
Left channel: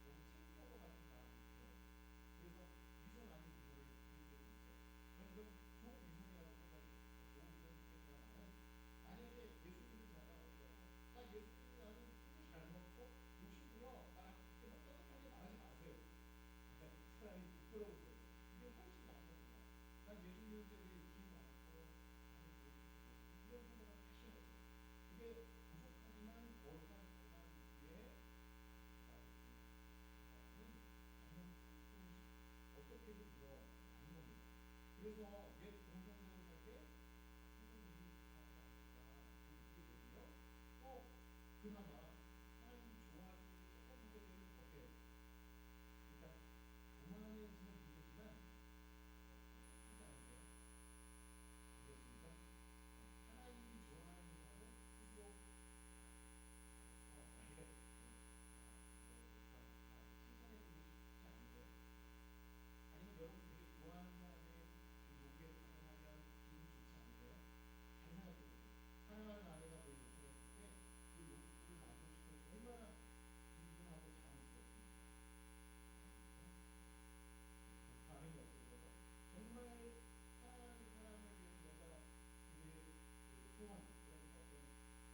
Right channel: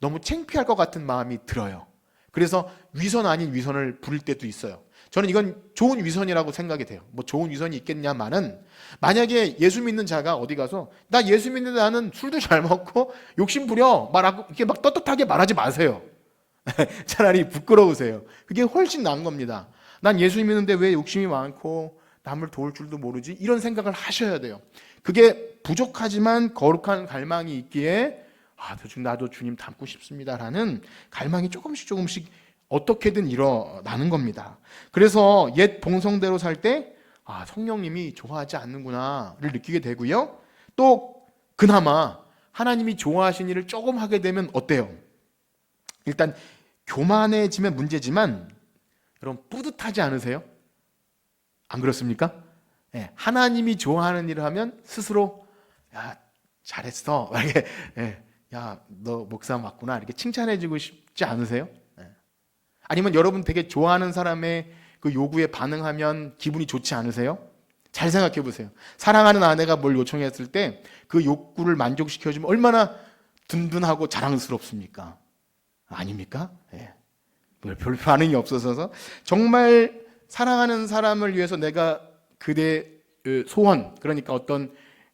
너무 창피할 것 같은 마음이 들어요. 그래서 위선 아닌 위선을 부릴 때도 있어요. 저는 이건 좋은 위선이라고 생각이 돼요. 뭐 좋은 위선이 있겠냐마는 만약에 예수 믿는 자가 어디 가서 나 예수 믿는데 나는 술도 잘 먹고 욕심 부려 말하고 이렇게 막 떳떳하게 말하지 마세요. 차라리 부끄러우세요. 그게 훨씬 나은 겁니다. 난 예수 믿는데 왜 욕심이 많고 남을 도울 줄도 모르지? 이런 생각을 하셔야 돼요. 그게 부족하지만 거룩한 갈망이 있기에 나도 주님 닮고 싶습니다라는 갈망이 조금씩 어떻게든 일어나는 겁니다. 그래서 옛 본성대로 살 때 성령님이 좋아하지 않는구나를 느끼게 되고요. 또 그나마 하나님이 좋아하신 일을 조금 하게 되면 어때요? 일단 교만해지면 문제지만 여러분 뿌듯하지 않으세요? 안 그렇습니까? 네, 하나님이 좋아하는 일을 하면 스스로 야 잘했어, 이렇게 야 너 목사 맞구나 이렇게 칭찬해주고 싶지 않으세요? 네. 아니면 여러분 되게 좋아하는 사람의 그 요구에 반응하면 기분이 좋지 않으세요? 잘 생각해 보세요. 사랑하는 아내가 뭘 요청했을 때 그 욕구를 만족시켜주면 얼마나 든든하고 자랑스럽습니까? 아닙니까? 네. 별 반응이 없어서 정말 사랑하는 사람을 위해서 내가 그대의 소원, 그러니까 어떤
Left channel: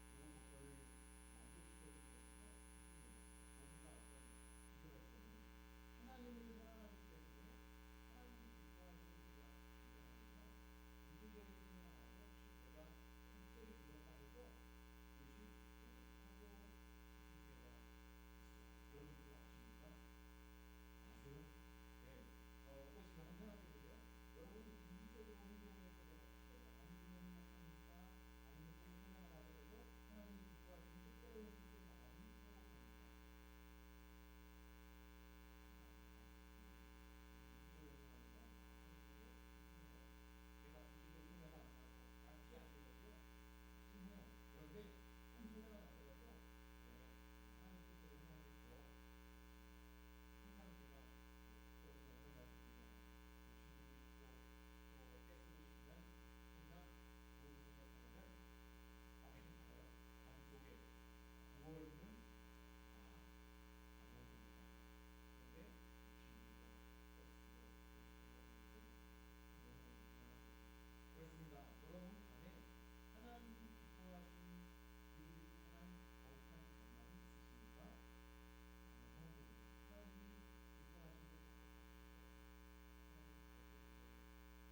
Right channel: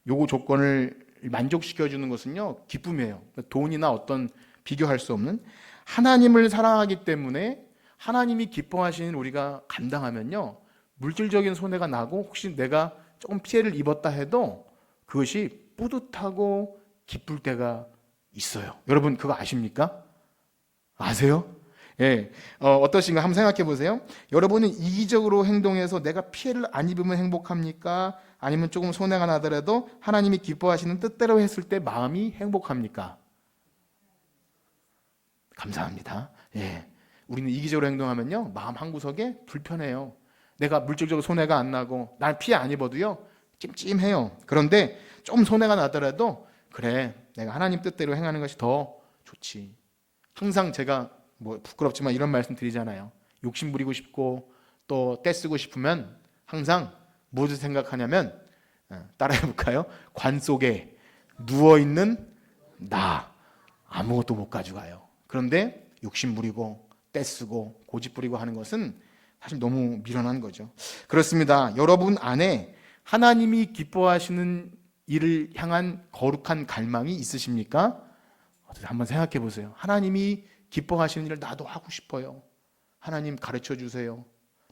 요구 조건을 만족시켜주는 것은요 기쁨이에요. 돈이나 어떤 비교할 수 없는 하나님을 사랑하기 때문에 하나님이 기뻐하시는 우리가 감당하면요 물질적인 손해가 나고 혹시 내가 조금 피해를 입었다 해도 그것이 뿌듯하고 기쁠 때가 있어요. 여러분 그거 아십니까? 아세요? 예, 어떠신가 한번 생각해 보세요. 여러분은 이기적으로 행동해서 내가 피해를 안 입으면 행복합니까? 아니면 조금 손해가 나더라도 하나님이 기뻐하시는 뜻대로 했을 때 마음이 행복합니까? 감사합니다. 예, 우리는 이기적으로 행동하면요 마음 한구석에 불편해요. 내가 물질적으로 손해가 안 나고 난 피해 안 입어도요 찜찜해요. 그런데 좀 손해가 나더라도 그래 내가 하나님 뜻대로 행하는 것이 더 좋지. 항상 제가 뭐 부끄럽지만 이런 말씀 드리잖아요. 욕심 부리고 싶고 또 떼쓰고 싶으면 항상 무엇을 생각하냐면 따라해 볼까요? 관 속에 누워있는 나 아무것도 못 가져가요. 그런데 욕심 부리고 떼쓰고 고집 부리고 하는 것은 사실 너무 미련한 거죠. 그렇습니다. 여러분 안에 하나님이 기뻐하시는 일을 향한 거룩한 갈망이 있으십니까? 한번 생각해 보세요. 하나님이 기뻐하시는 일을 나도 하고 싶어요. 하나님 가르쳐 주세요.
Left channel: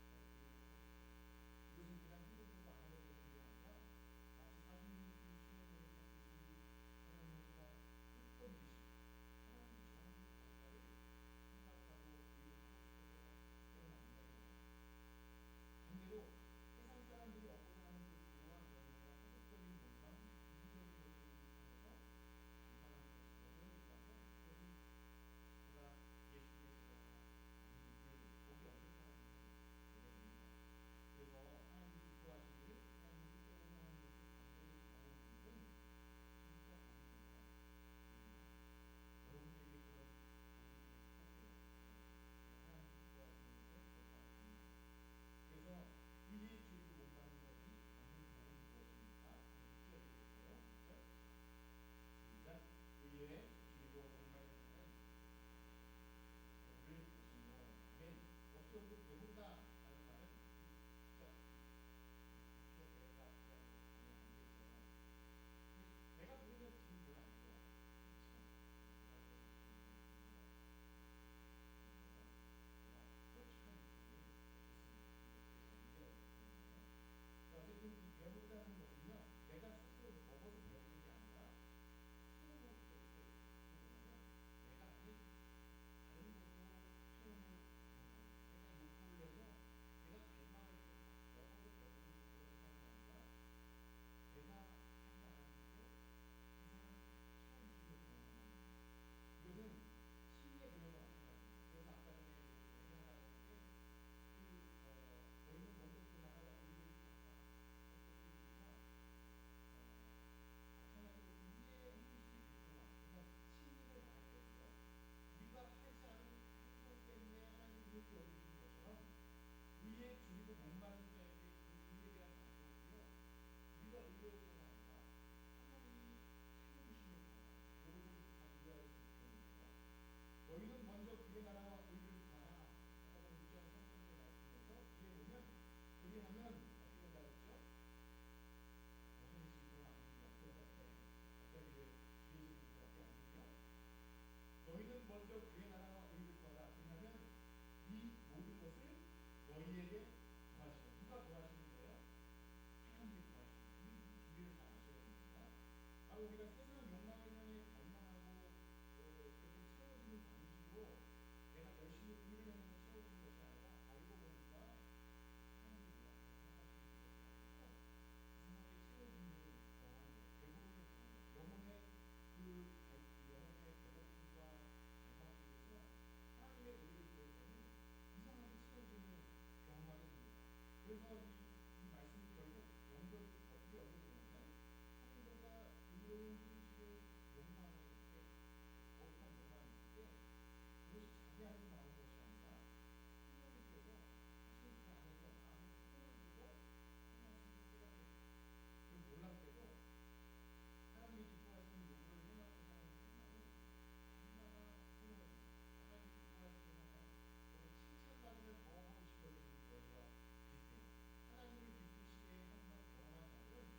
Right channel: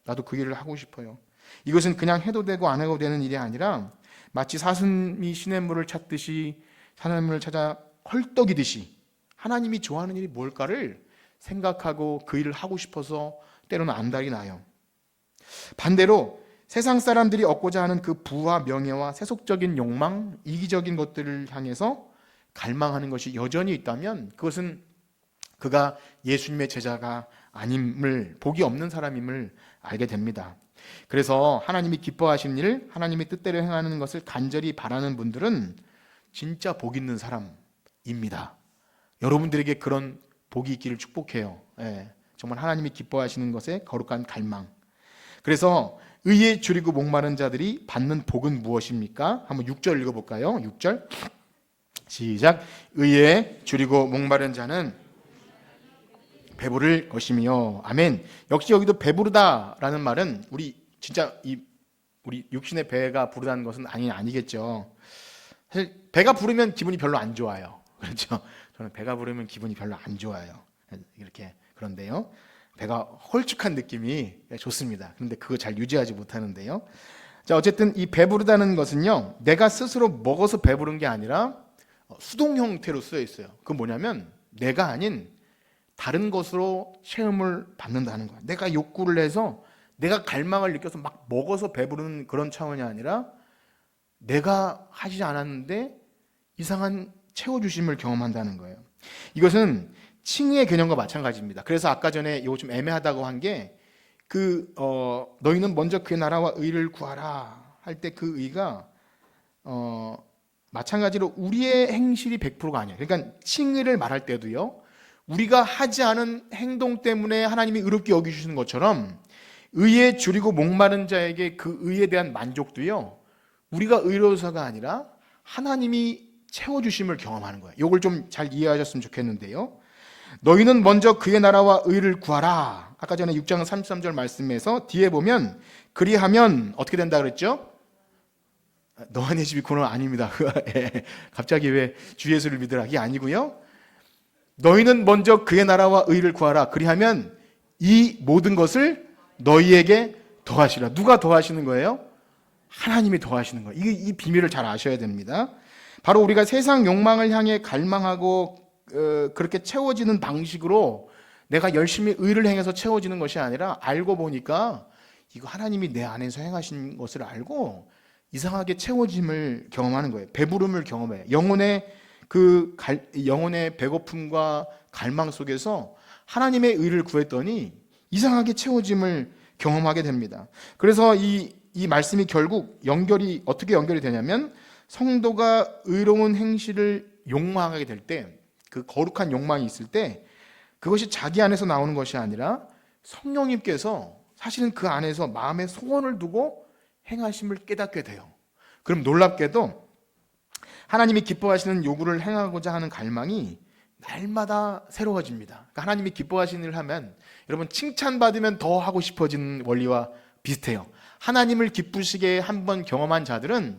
나도 그 일을 하고 싶어요. 이것은 그냥 해도 되고 안 해도 되는 일이 아니라 마치 사슴이 시냇물을 찾듯이 하나님을 찾아 헐떡이듯이 하나님이 좋아하는 일이 뭘까를 생각하고 그 일을 하고 싶어서 때로는 안달이 나요. 반대로 세상 사람들이 얻고자 하는 그 부와 명예와 세속적인 욕망, 이기적인 것들을 향해서 갈망하는 것이 여전히 있다면 그것은 그가 예수님의 제자가 아님을, 복이 없는 사람임을 알게 됩니다. 그래서 하나님이 기뻐하시는 일, 하나님의 뜻대로 행하는 것을 간절히 바라는 분들은 진짜 복 있는 사람입니다. 여러분들에게 그런 복이 있기를 축복해요. 정말 하나님이 기뻐하시는 것에 거룩한 갈망. 그래서 의에 줄이고 목마른 자들이 받는 복은 무엇입니까? 한번 6절 읽어볼까요? 6절 시작. 의에 줄이고 목마른 자는 배부를 것이며. 아멘. 역시 여기도 배부르다라는 말은 우리 진짜 우리 육신의 배가 부르다는 것은 아니겠죠. 사실 배가 부르면 기분이 별로 안 좋아요. 그렇죠? 저는 배가 부르면 기분이 별로 안 좋아요. 이렇게 그런데요. 배가 홀쭉한 느낌이 좋습니다. 그런데 그거 잘 유지하지 못하는데요. 자, 어쨌든 이 배부르다는 것은요, 내가 스스로 먹어서 배부른 게 아니라 수동 형태로 쓰여 있어요. 그건 뭐냐면 내가 아닌 다른 것으로 체험을 받는다는 거야. 내가 욕구를 해서 내가 갈망을 느껴서 막 먹어서 배부르는 그런 차원이 아니라 내가 하지 않았는데 이상한 채워주심을 경험한다는 거예요. 이것은 칭의의 개념과 마찬가지입니다. 그래서 아까 전에 이거 좀 애매하다고 한 게 너희는 먼저 그의 나라와 의를 구하라 할 때 그 의가 마찬가지로 우리의 행실이 100%가 아니에요. 그러니까 칭의를 말할 때도요, 우리가 하지 않은 행동 때문에 하나님이 의롭게 여기시는 것처럼 의에 줄이고 목마른 자에게 그 의에 대한 만족도요, 우리가 의로워서가 아니라 하나님이 채워주심을 경험하는 거예요. 이걸 좀 잘 이해하셨으면 좋겠는데요, 너희는 먼저 그의 나라와 의를 구하라. 아까 전에 6장 33절 말씀에서 뒤에 보면 그리하면 어떻게 된다 그랬죠? 너와 내 집이 그건 아닙니다. 갑자기 왜 주 예수를 믿으라, 이게 아니고요, 너희는 먼저 그의 나라와 의를 구하라. 그리하면 이 모든 것을 너희에게 더하시라. 누가 더하시는 거예요? 하나님이 더하시는 거예요. 이 비밀을 잘 아셔야 됩니다. 바로 우리가 세상 욕망을 향해 갈망하고 그렇게 채워지는 방식으로 내가 열심히 의를 행해서 채워지는 것이 아니라, 알고 보니까 이거 하나님이 내 안에서 행하신 것을 알고 이상하게 채워짐을 경험하는 거예요. 배부름을 경험해요. 영혼의 배고픔과 갈망 속에서 하나님의 의를 구했더니 이상하게 채워짐을 경험하게 됩니다. 그래서 이 말씀이 결국 어떻게 연결이 되냐면, 성도가 의로운 행실을 욕망하게 될 때, 그 거룩한 욕망이 있을 때, 그것이 자기 안에서 나오는 것이 아니라 성령님께서 사실은 그 안에서 마음의 소원을 두고 행하심을 깨닫게 돼요. 그럼 놀랍게도 하나님이 기뻐하시는 요구를 행하고자 하는 갈망이 날마다 새로워집니다. 그러니까 하나님이 기뻐하시는 일을 하면, 여러분, 칭찬받으면 더 하고 싶어지는 원리와 비슷해요. 하나님을 기쁘시게 한번 경험한 자들은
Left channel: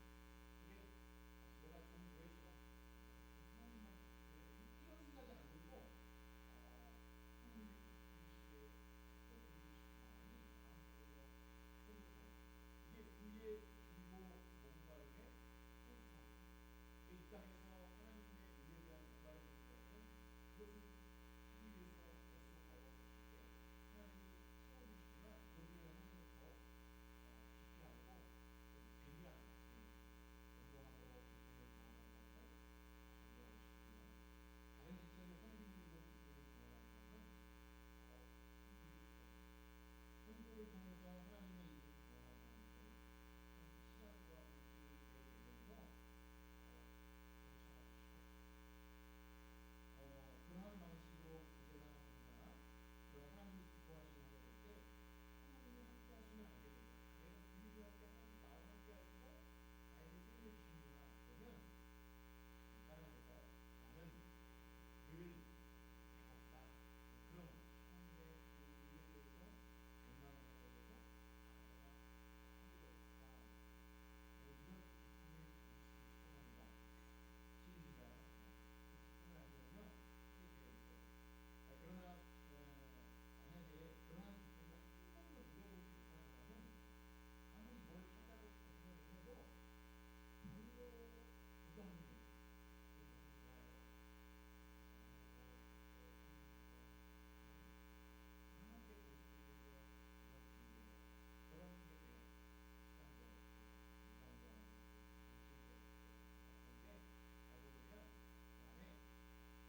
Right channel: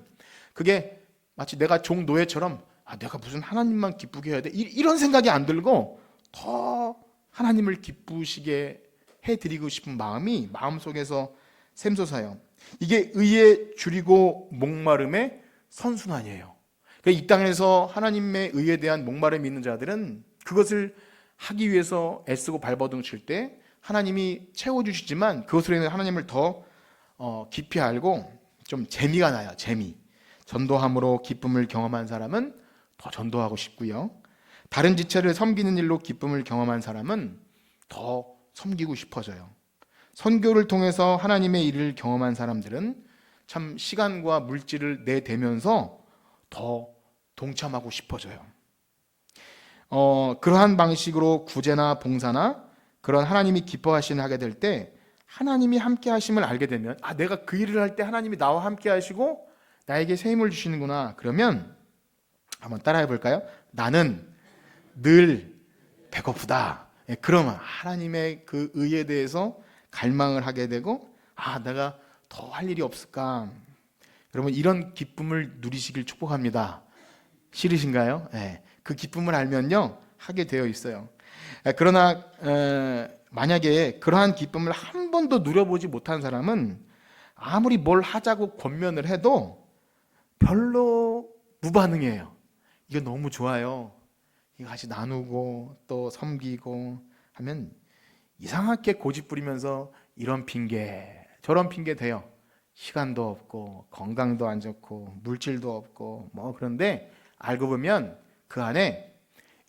그게 마치 내가 종 노예처럼 내가 무슨 하나님만 기쁘게 해야 돼, 이런 생각이 안 들고 더 하나님을 기쁘시게 해드리고 싶은 마음이 마음속에서 샘솟아요. 이게 의에 줄이고 목마름의 선순환이에요. 그러니까 이 땅에서 하나님의 의에 대한 목마름이 있는 자들은 그것을 하기 위해서 애쓰고 발버둥 칠 때 하나님이 채워주시지만, 그것으로 인해 하나님을 더 깊이 알고 좀 재미가 나요. 재미. 전도함으로 기쁨을 경험한 사람은 더 전도하고 싶고요, 다른 지체를 섬기는 일로 기쁨을 경험한 사람은 더 섬기고 싶어져요. 선교를 통해서 하나님의 일을 경험한 사람들은 참 시간과 물질을 내대면서 더 동참하고 싶어져요. 그러한 방식으로 구제나 봉사나 그런 하나님이 기뻐하시는 하게 될 때, 하나님이 함께 하심을 알게 되면, 내가 그 일을 할 때 하나님이 나와 함께 하시고 나에게 새 힘을 주시는구나. 그러면 한번 따라해 볼까요? 나는 늘 배고프다. 그러면 하나님의 그 의에 대해서 갈망을 하게 되고, 내가 더 할 일이 없을까? 여러분, 이런 기쁨을 누리시길 축복합니다. 싫으신가요? 그 기쁨을 알면요, 하게 되어 있어요. 그러나 만약에 그러한 기쁨을 한 번도 누려보지 못한 사람은 아무리 뭘 하자고 권면을 해도 별로 무반응이에요. 이거 너무 좋아요, 이거 같이 나누고 또 섬기고 하면 이상하게 고집 부리면서 이런 핑계 저런 핑계 대요. 시간도 없고 건강도 안 좋고 물질도 없고 그런데 알고 보면 그 안에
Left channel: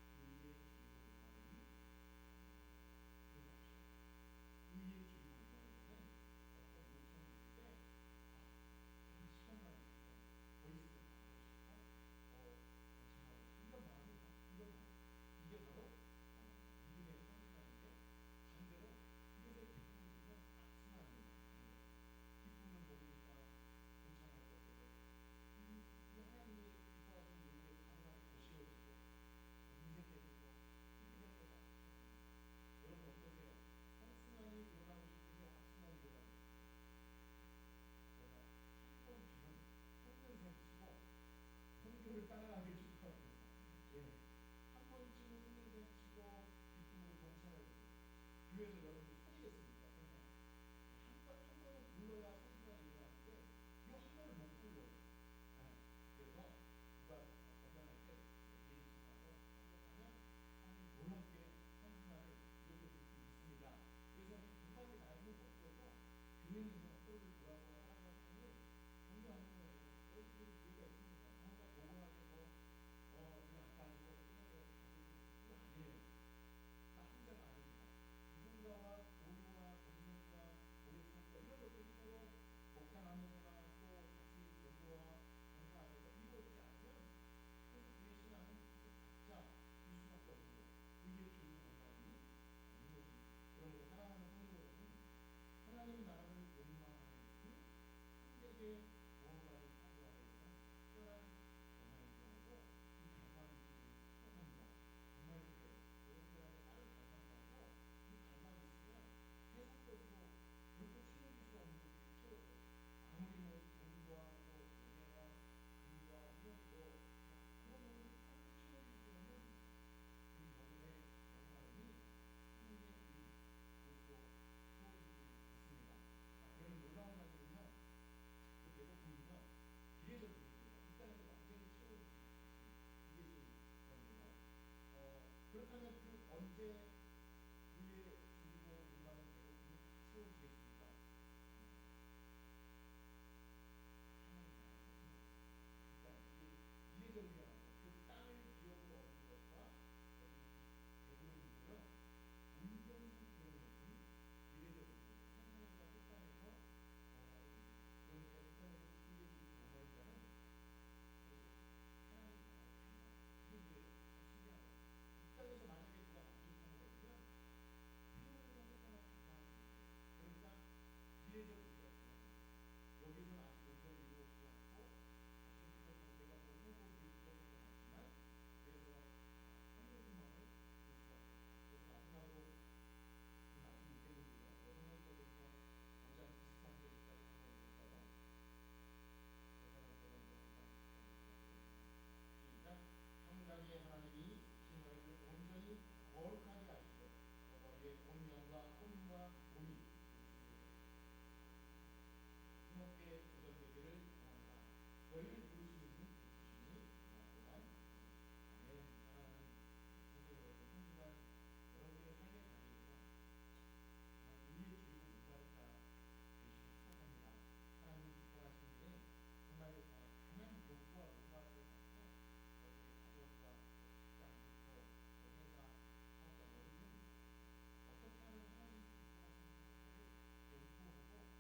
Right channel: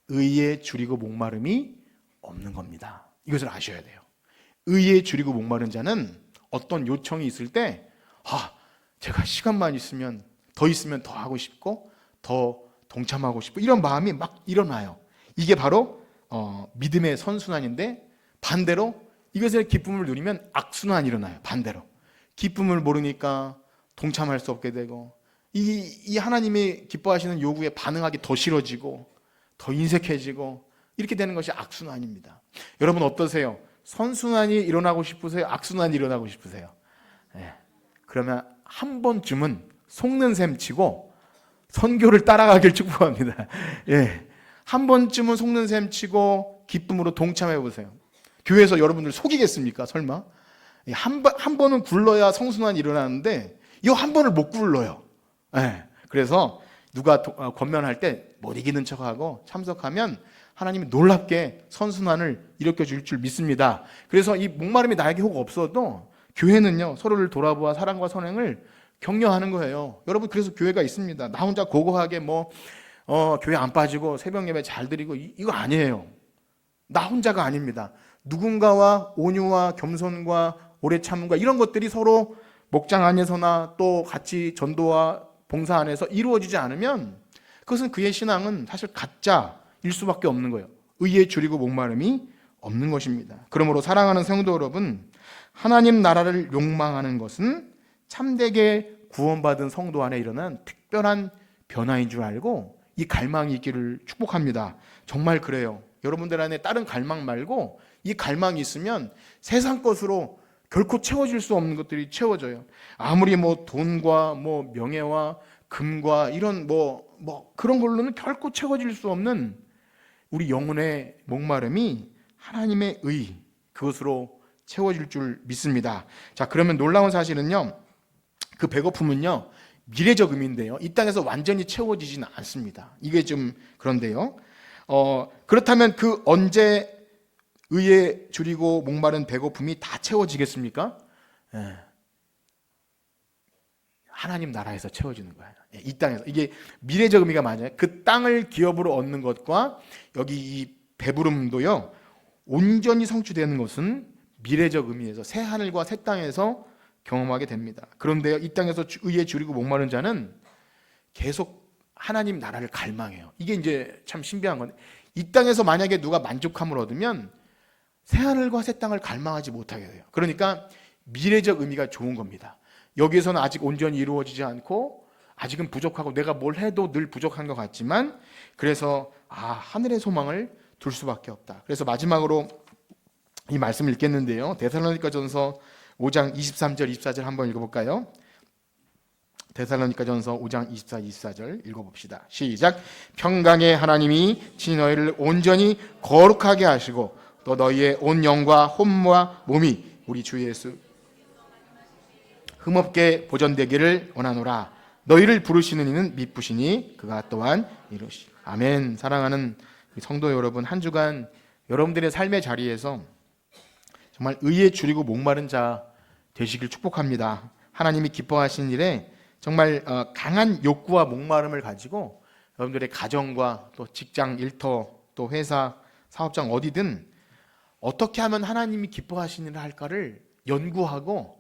의에 줄이고 목마름이 없는 겁니다. 이것을 아셔야 돼요. 의에 줄이고 목마른 자는 어떤 요청이 있을 때 제가 시간만 있으면 더 하고 싶고 더 동참하고 싶고 이런 마음이 막 일어나요. 이게 바로 믿음의 선순환인데, 반대로 이것의 기쁨을 누리면 악순환이 일어나요. 반대로 기쁨을 모르니까 동참할 수 없게 되고, 이 하나님이 기뻐하시는 요구에 반응하기 더 싫어지고 더 인색해지고 이렇게 되는 것이 악순환입니다. 여러분 어떠세요? 선순환이 일어나고 싶으세요? 악순환이 일어나고 싶으세요? 그러면 한 번쯤은 속는 셈 치고 선교를 따라가길 축복합니다. 한 번쯤은 속는 셈 치고 기쁨으로 동참해 보세요. 교회에서 여러분들 속이겠습니까? 설마? 한 번은 굴러야 성순환이 일어나는데 이 한 번을 못 굴러요. 그래서 누가 권면할 때 못 이기는 척하고 참석하면 하나님이 놀랍게 선순환을 일으켜 줄 줄 믿습니다. 그래서 이 목마름이 나에게 혹 없어도 교회는요, 서로를 돌아보아 사랑과 선행을 격려하는 거예요. 여러분, 그래서 교회가 있습니다. 나 혼자 고고하게 교회 안 빠지고 새벽 예배 잘 드리고 이거 아니에요. 나 혼자가 아닙니다. 누군가와 온유와 겸손과 오래 참음과 이런 것들이 서로 목장 안에서나 또 같이 전도와 봉사 안에서 이루어지지 않으면 그것은 그의 신앙은 사실 가짜일 수밖에 없는 거예요. 의에 줄이고 목마름이 없는 것입니다. 그러므로 사랑하는 성도 여러분, 하나님 나라를 욕망하는 것은 참되게 구원받은 성도 안에 일어난 특별한 변화인 줄 알고 이 갈망이 있기를 축복합니다. 정말 그래요. 여러분들 안에 다른 갈망 말고 이 갈망이 있으면 세상 것으로 결코 채워질 수 없는 것들이 채워져요. 아무리 돈과 명예와 금과 이런 그런 걸로는 결코 채워질 수 없는 우리 영혼의 목마름이 하나님의 의, 그것으로 채워질 줄 믿습니다. 자, 그러면 놀라운 사실은요, 그 배고픔은요 미래적 의미인데요, 이 땅에서 완전히 채워지지는 않습니다. 이게 좀 그런데요, 그렇다면 그 언제 의에 줄이고 목마른 배고픔이 다 채워지겠습니까? 하나님 나라에서 채워지는 거예요. 이 땅에서. 이게 미래적 의미가 맞아요. 그 땅을 기업으로 얻는 것과 여기 이 배부름도요, 온전히 성취되는 것은 미래적 의미에서 새 하늘과 새 땅에서 경험하게 됩니다. 그런데 이 땅에서 의에 줄이고 목마른 자는 계속 하나님 나라를 갈망해요. 이게 이제 참 신비한 건데, 이 땅에서 만약에 누가 만족함을 얻으면 새 하늘과 새 땅을 갈망하지 못하게 돼요. 그러니까 미래적 의미가 좋은 겁니다. 여기에서는 아직 온전히 이루어지지 않고 아직은 부족하고 내가 뭘 해도 늘 부족한 것 같지만, 그래서 하늘의 소망을 둘 수밖에 없다. 그래서 마지막으로 이 말씀을 읽겠는데요, 데살로니가전서 5장 23절 24절 한번 읽어볼까요? 데살로니가전서 5장 24, 24절 읽어봅시다. 시작. 평강의 하나님이 친히 너희를 온전히 거룩하게 하시고 또 너희의 온 영과 혼과 몸이 우리 주 예수 흠없게 보존되기를 원하노라. 너희를 부르시는 이는 미쁘시니 그가 또한 이루시. 아멘. 사랑하는 성도 여러분, 한 주간 여러분들의 삶의 자리에서 정말 의에 줄이고 목마른 자 되시길 축복합니다. 하나님이 기뻐하신 일에 정말 강한 욕구와 목마름을 가지고 여러분들의 가정과 또 직장, 일터, 또 회사, 사업장 어디든 어떻게 하면 하나님이 기뻐하시는 일을 할까를 연구하고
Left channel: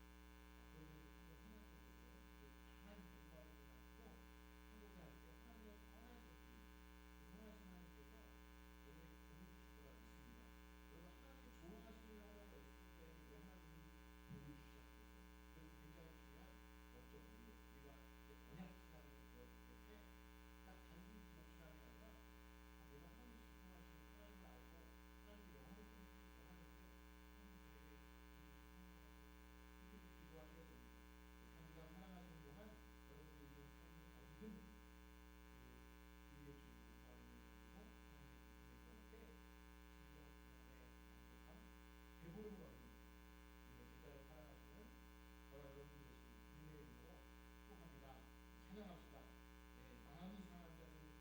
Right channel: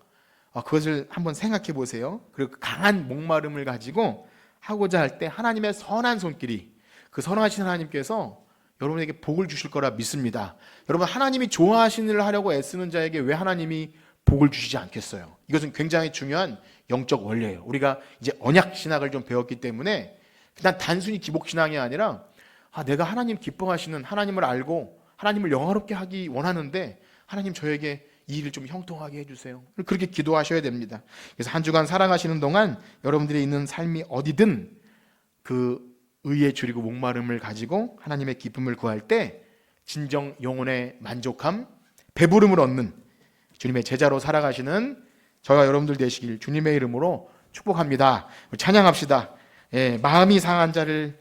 그것을 한번 생각해 보세요. 그리고 강한 목마름을 가지고 하고자 할 때 하나님의 선한 손길이, 그 선하신 하나님께서 여러분에게 복을 주실 거라 믿습니다. 여러분, 하나님이 좋아하시는 일을 하려고 애쓰는 자에게 왜 하나님이 복을 주시지 않겠어요? 이것은 굉장히 중요한 영적 원리예요. 우리가 이제 언약 신학을 좀 배웠기 때문에 그냥 단순히 기복 신앙이 아니라 내가 하나님 기뻐하시는 하나님을 알고 하나님을 영화롭게 하기 원하는데 하나님 저에게 이 일을 좀 형통하게 해주세요. 그렇게 기도하셔야 됩니다. 그래서 한 주간 살아가시는 동안 여러분들이 있는 삶이 어디든 그 의에 줄이고 목마름을 가지고 하나님의 기쁨을 구할 때 진정 영혼의 만족함, 배부름을 얻는 주님의 제자로 살아가시는 저와 여러분들 되시길 주님의 이름으로 축복합니다. 찬양합시다. 마음이 상한 자를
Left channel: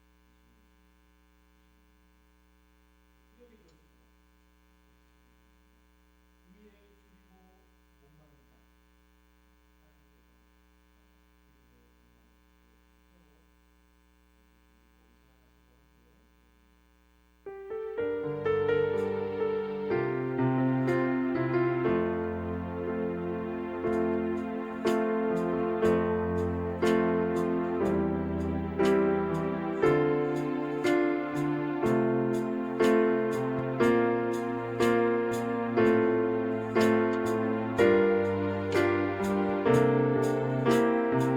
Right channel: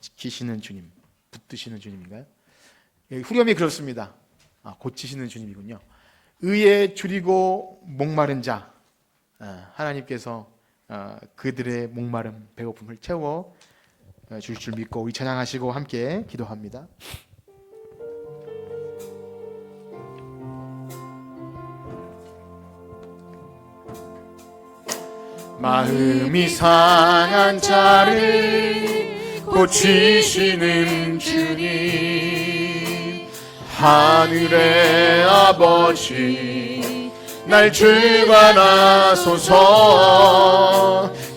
지키시는 주님, 붙드시는 주님인가요? 후렴이 그렇습니다. 고치시는 주님이군요. 의에 줄이고 목마른 자, 하나님께서 그들의 목마름, 배고픔을 채워 주실 줄 믿고 이 찬양하시고 함께 기도합니다. 마음이 상한 자를 고치시는 주님, 하늘의 아버지 날 주관하소서.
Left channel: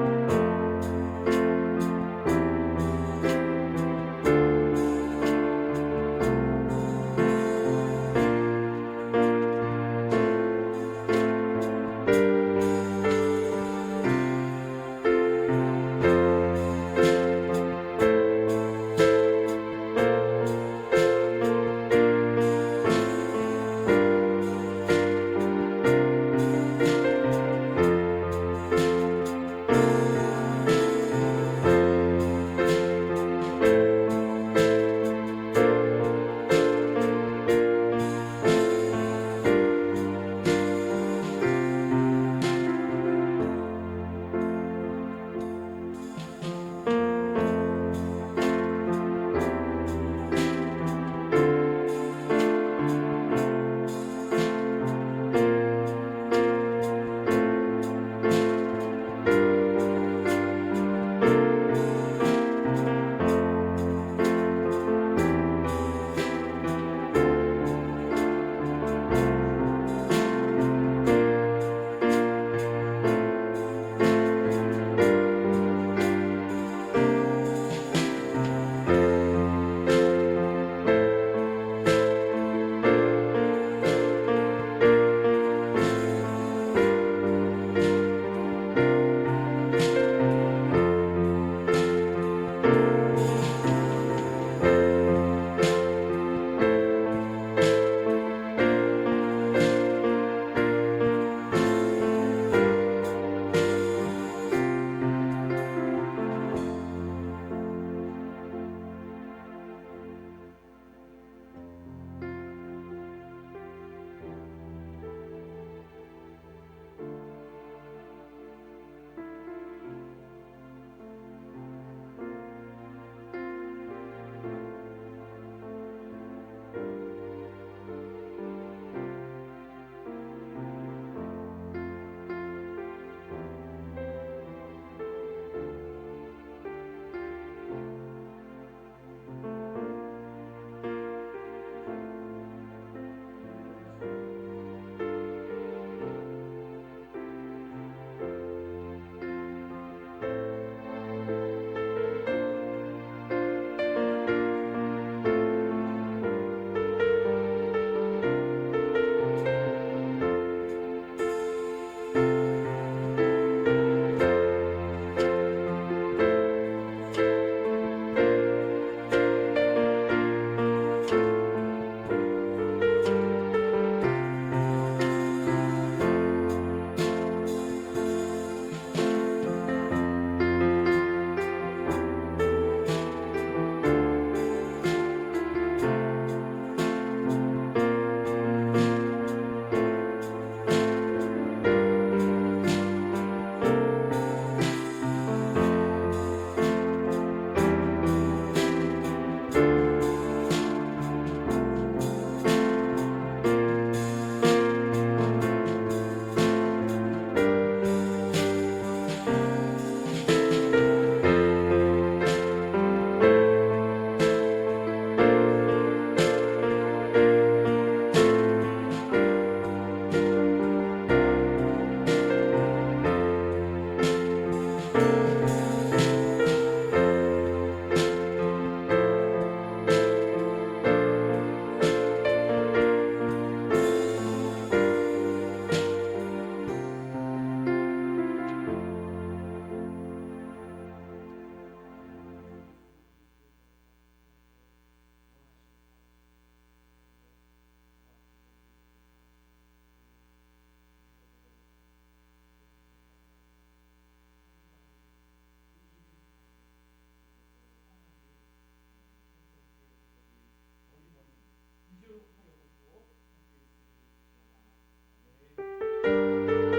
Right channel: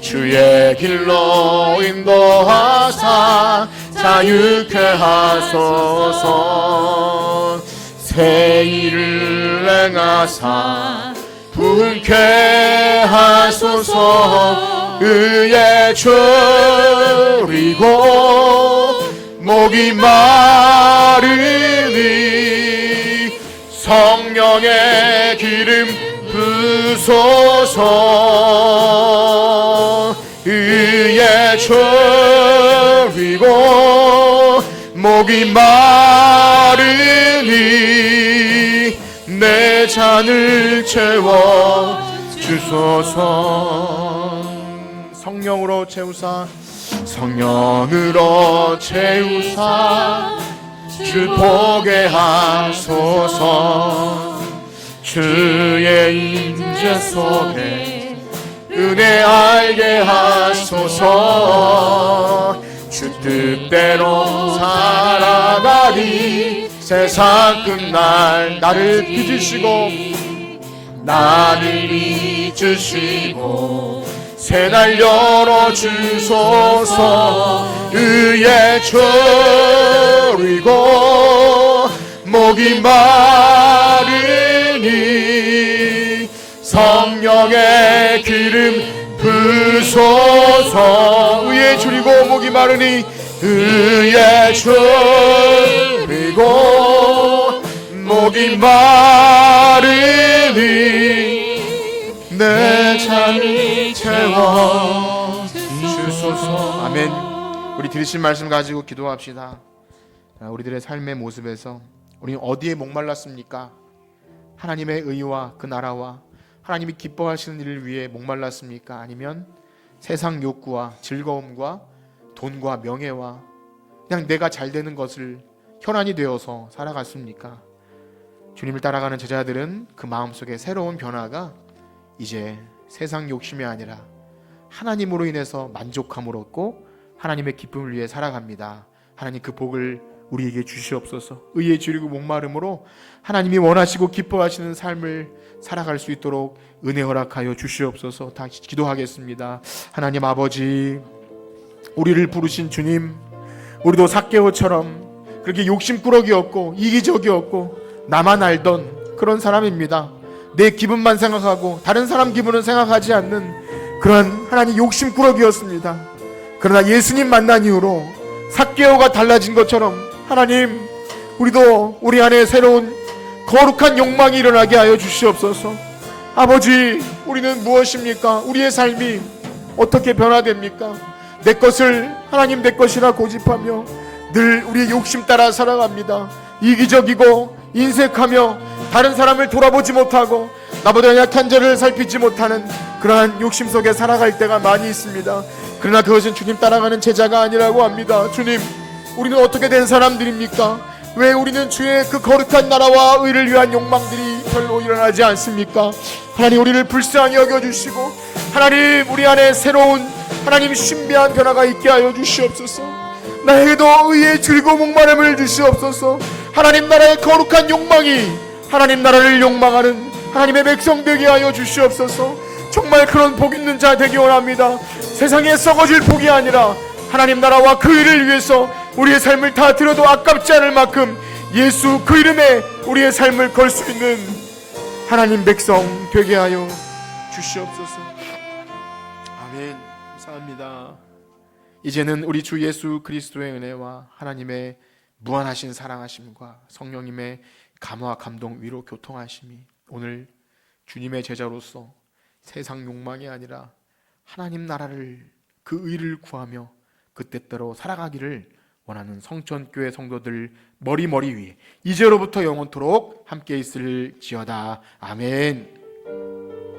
주의 길로 인도하사 자유케 하소서. 새 일을 행하사 부흥케 하소서. 의에 줄이고 목이 마르니 성령의 기름 부소서. 의에 줄이고 목이 마르니 내 잔을 채워 주소서. 성령으로 채우사, 성령으로 채우사 빛을 보게 하소서. 주의 임재 속에 은혜 알게 하소서. 주 뜻대로 살아가리. 세상 끝날 나를 빚으시고 나를 빚으시고 새날 열어주소서. 의에 졸이고 목이 마르니 성령의 기름 부소서. 의에 졸이고 목이 마르니 의에 졸이고 목이 마르니 내 잔을 채워 주소서. 아멘. 우리 들으신 말씀 가지고 기도합시다. 우리들의 삶의 모습에서 우리 어디에 목말랐습니까? 하나님의 의와 그 나라와 하나님이 기뻐하시는 일을 위해 목말랐습니까? 아니면 세상 욕구와 즐거움과 돈과 명예와 그냥 내가 잘 되는 것을 혈안이 되어서 살아갔습니까? 주님을 따라가는 제자들은 그 마음속에 새로운 변화가 이제 세상 욕심이 아니라 하나님으로 인해서 만족함을 얻고 하나님의 기쁨을 위해 살아갑니다. 하나님 그 복을 우리에게 주시옵소서. 의에 줄이고 목마름으로 하나님이 원하시고 기뻐하시는 삶을 살아갈 수 있도록 은혜 허락하여 주시옵소서. 다시 기도하겠습니다. 하나님 아버지, 우리를 부르신 주님, 우리도 삭개오처럼 그렇게 욕심꾸러기였고 이기적이었고 나만 알던 그런 사람입니다. 내 기분만 생각하고 다른 사람 기분은 생각하지 않는 그런 하나님 욕심꾸러기였습니다. 그러나 예수님 만난 이후로 삭개오가 달라진 것처럼 하나님, 우리도 우리 안에 새로운 거룩한 욕망이 일어나게 하여 주시옵소서. 아버지, 우리는 무엇입니까? 우리의 삶이 어떻게 변화됩니까? 내 것을 하나님 내 것이라 고집하며 늘 우리의 욕심 따라 살아갑니다. 이기적이고 인색하며 다른 사람을 돌아보지 못하고 나보다 약한 자를 살피지 못하는 그러한 욕심 속에 살아갈 때가 많이 있습니다. 그러나 그것은 주님 따라가는 제자가 아니라고 합니다. 주님, 우리는 어떻게 된 사람들입니까? 왜 우리는 주의 그 거룩한 나라와 의를 위한 욕망들이 별로 일어나지 않습니까? 하나님, 우리를 불쌍히 여겨주시고 하나님, 우리 안에 새로운 하나님 신비한 변화가 있게 하여 주시옵소서. 나에게도 의의 즐거운 목마름을 주시옵소서. 하나님 나라의 거룩한 욕망이 하나님 나라를 욕망하는 하나님의 백성 되게 하여 주시옵소서. 정말 그런 복 있는 자 되기 원합니다. 세상에 썩어질 복이 아니라 하나님 나라와 그 일을 위해서 우리의 삶을 다 들어도 아깝지 않을 만큼 예수 그 이름에 우리의 삶을 걸 수 있는 하나님 백성 되게 하여 주시옵소서. 아멘. 감사합니다. 이제는 우리 주 예수 그리스도의 은혜와 하나님의 무한하신 사랑하심과 성령님의 감화 감동 위로 교통하심이 오늘 주님의 제자로서 세상 욕망이 아니라 하나님 나라를 그 의를 구하며 그 뜻대로 살아가기를 원하는 성천교회 성도들 머리 위에 이제로부터 영원토록 함께 있을지어다. 아멘.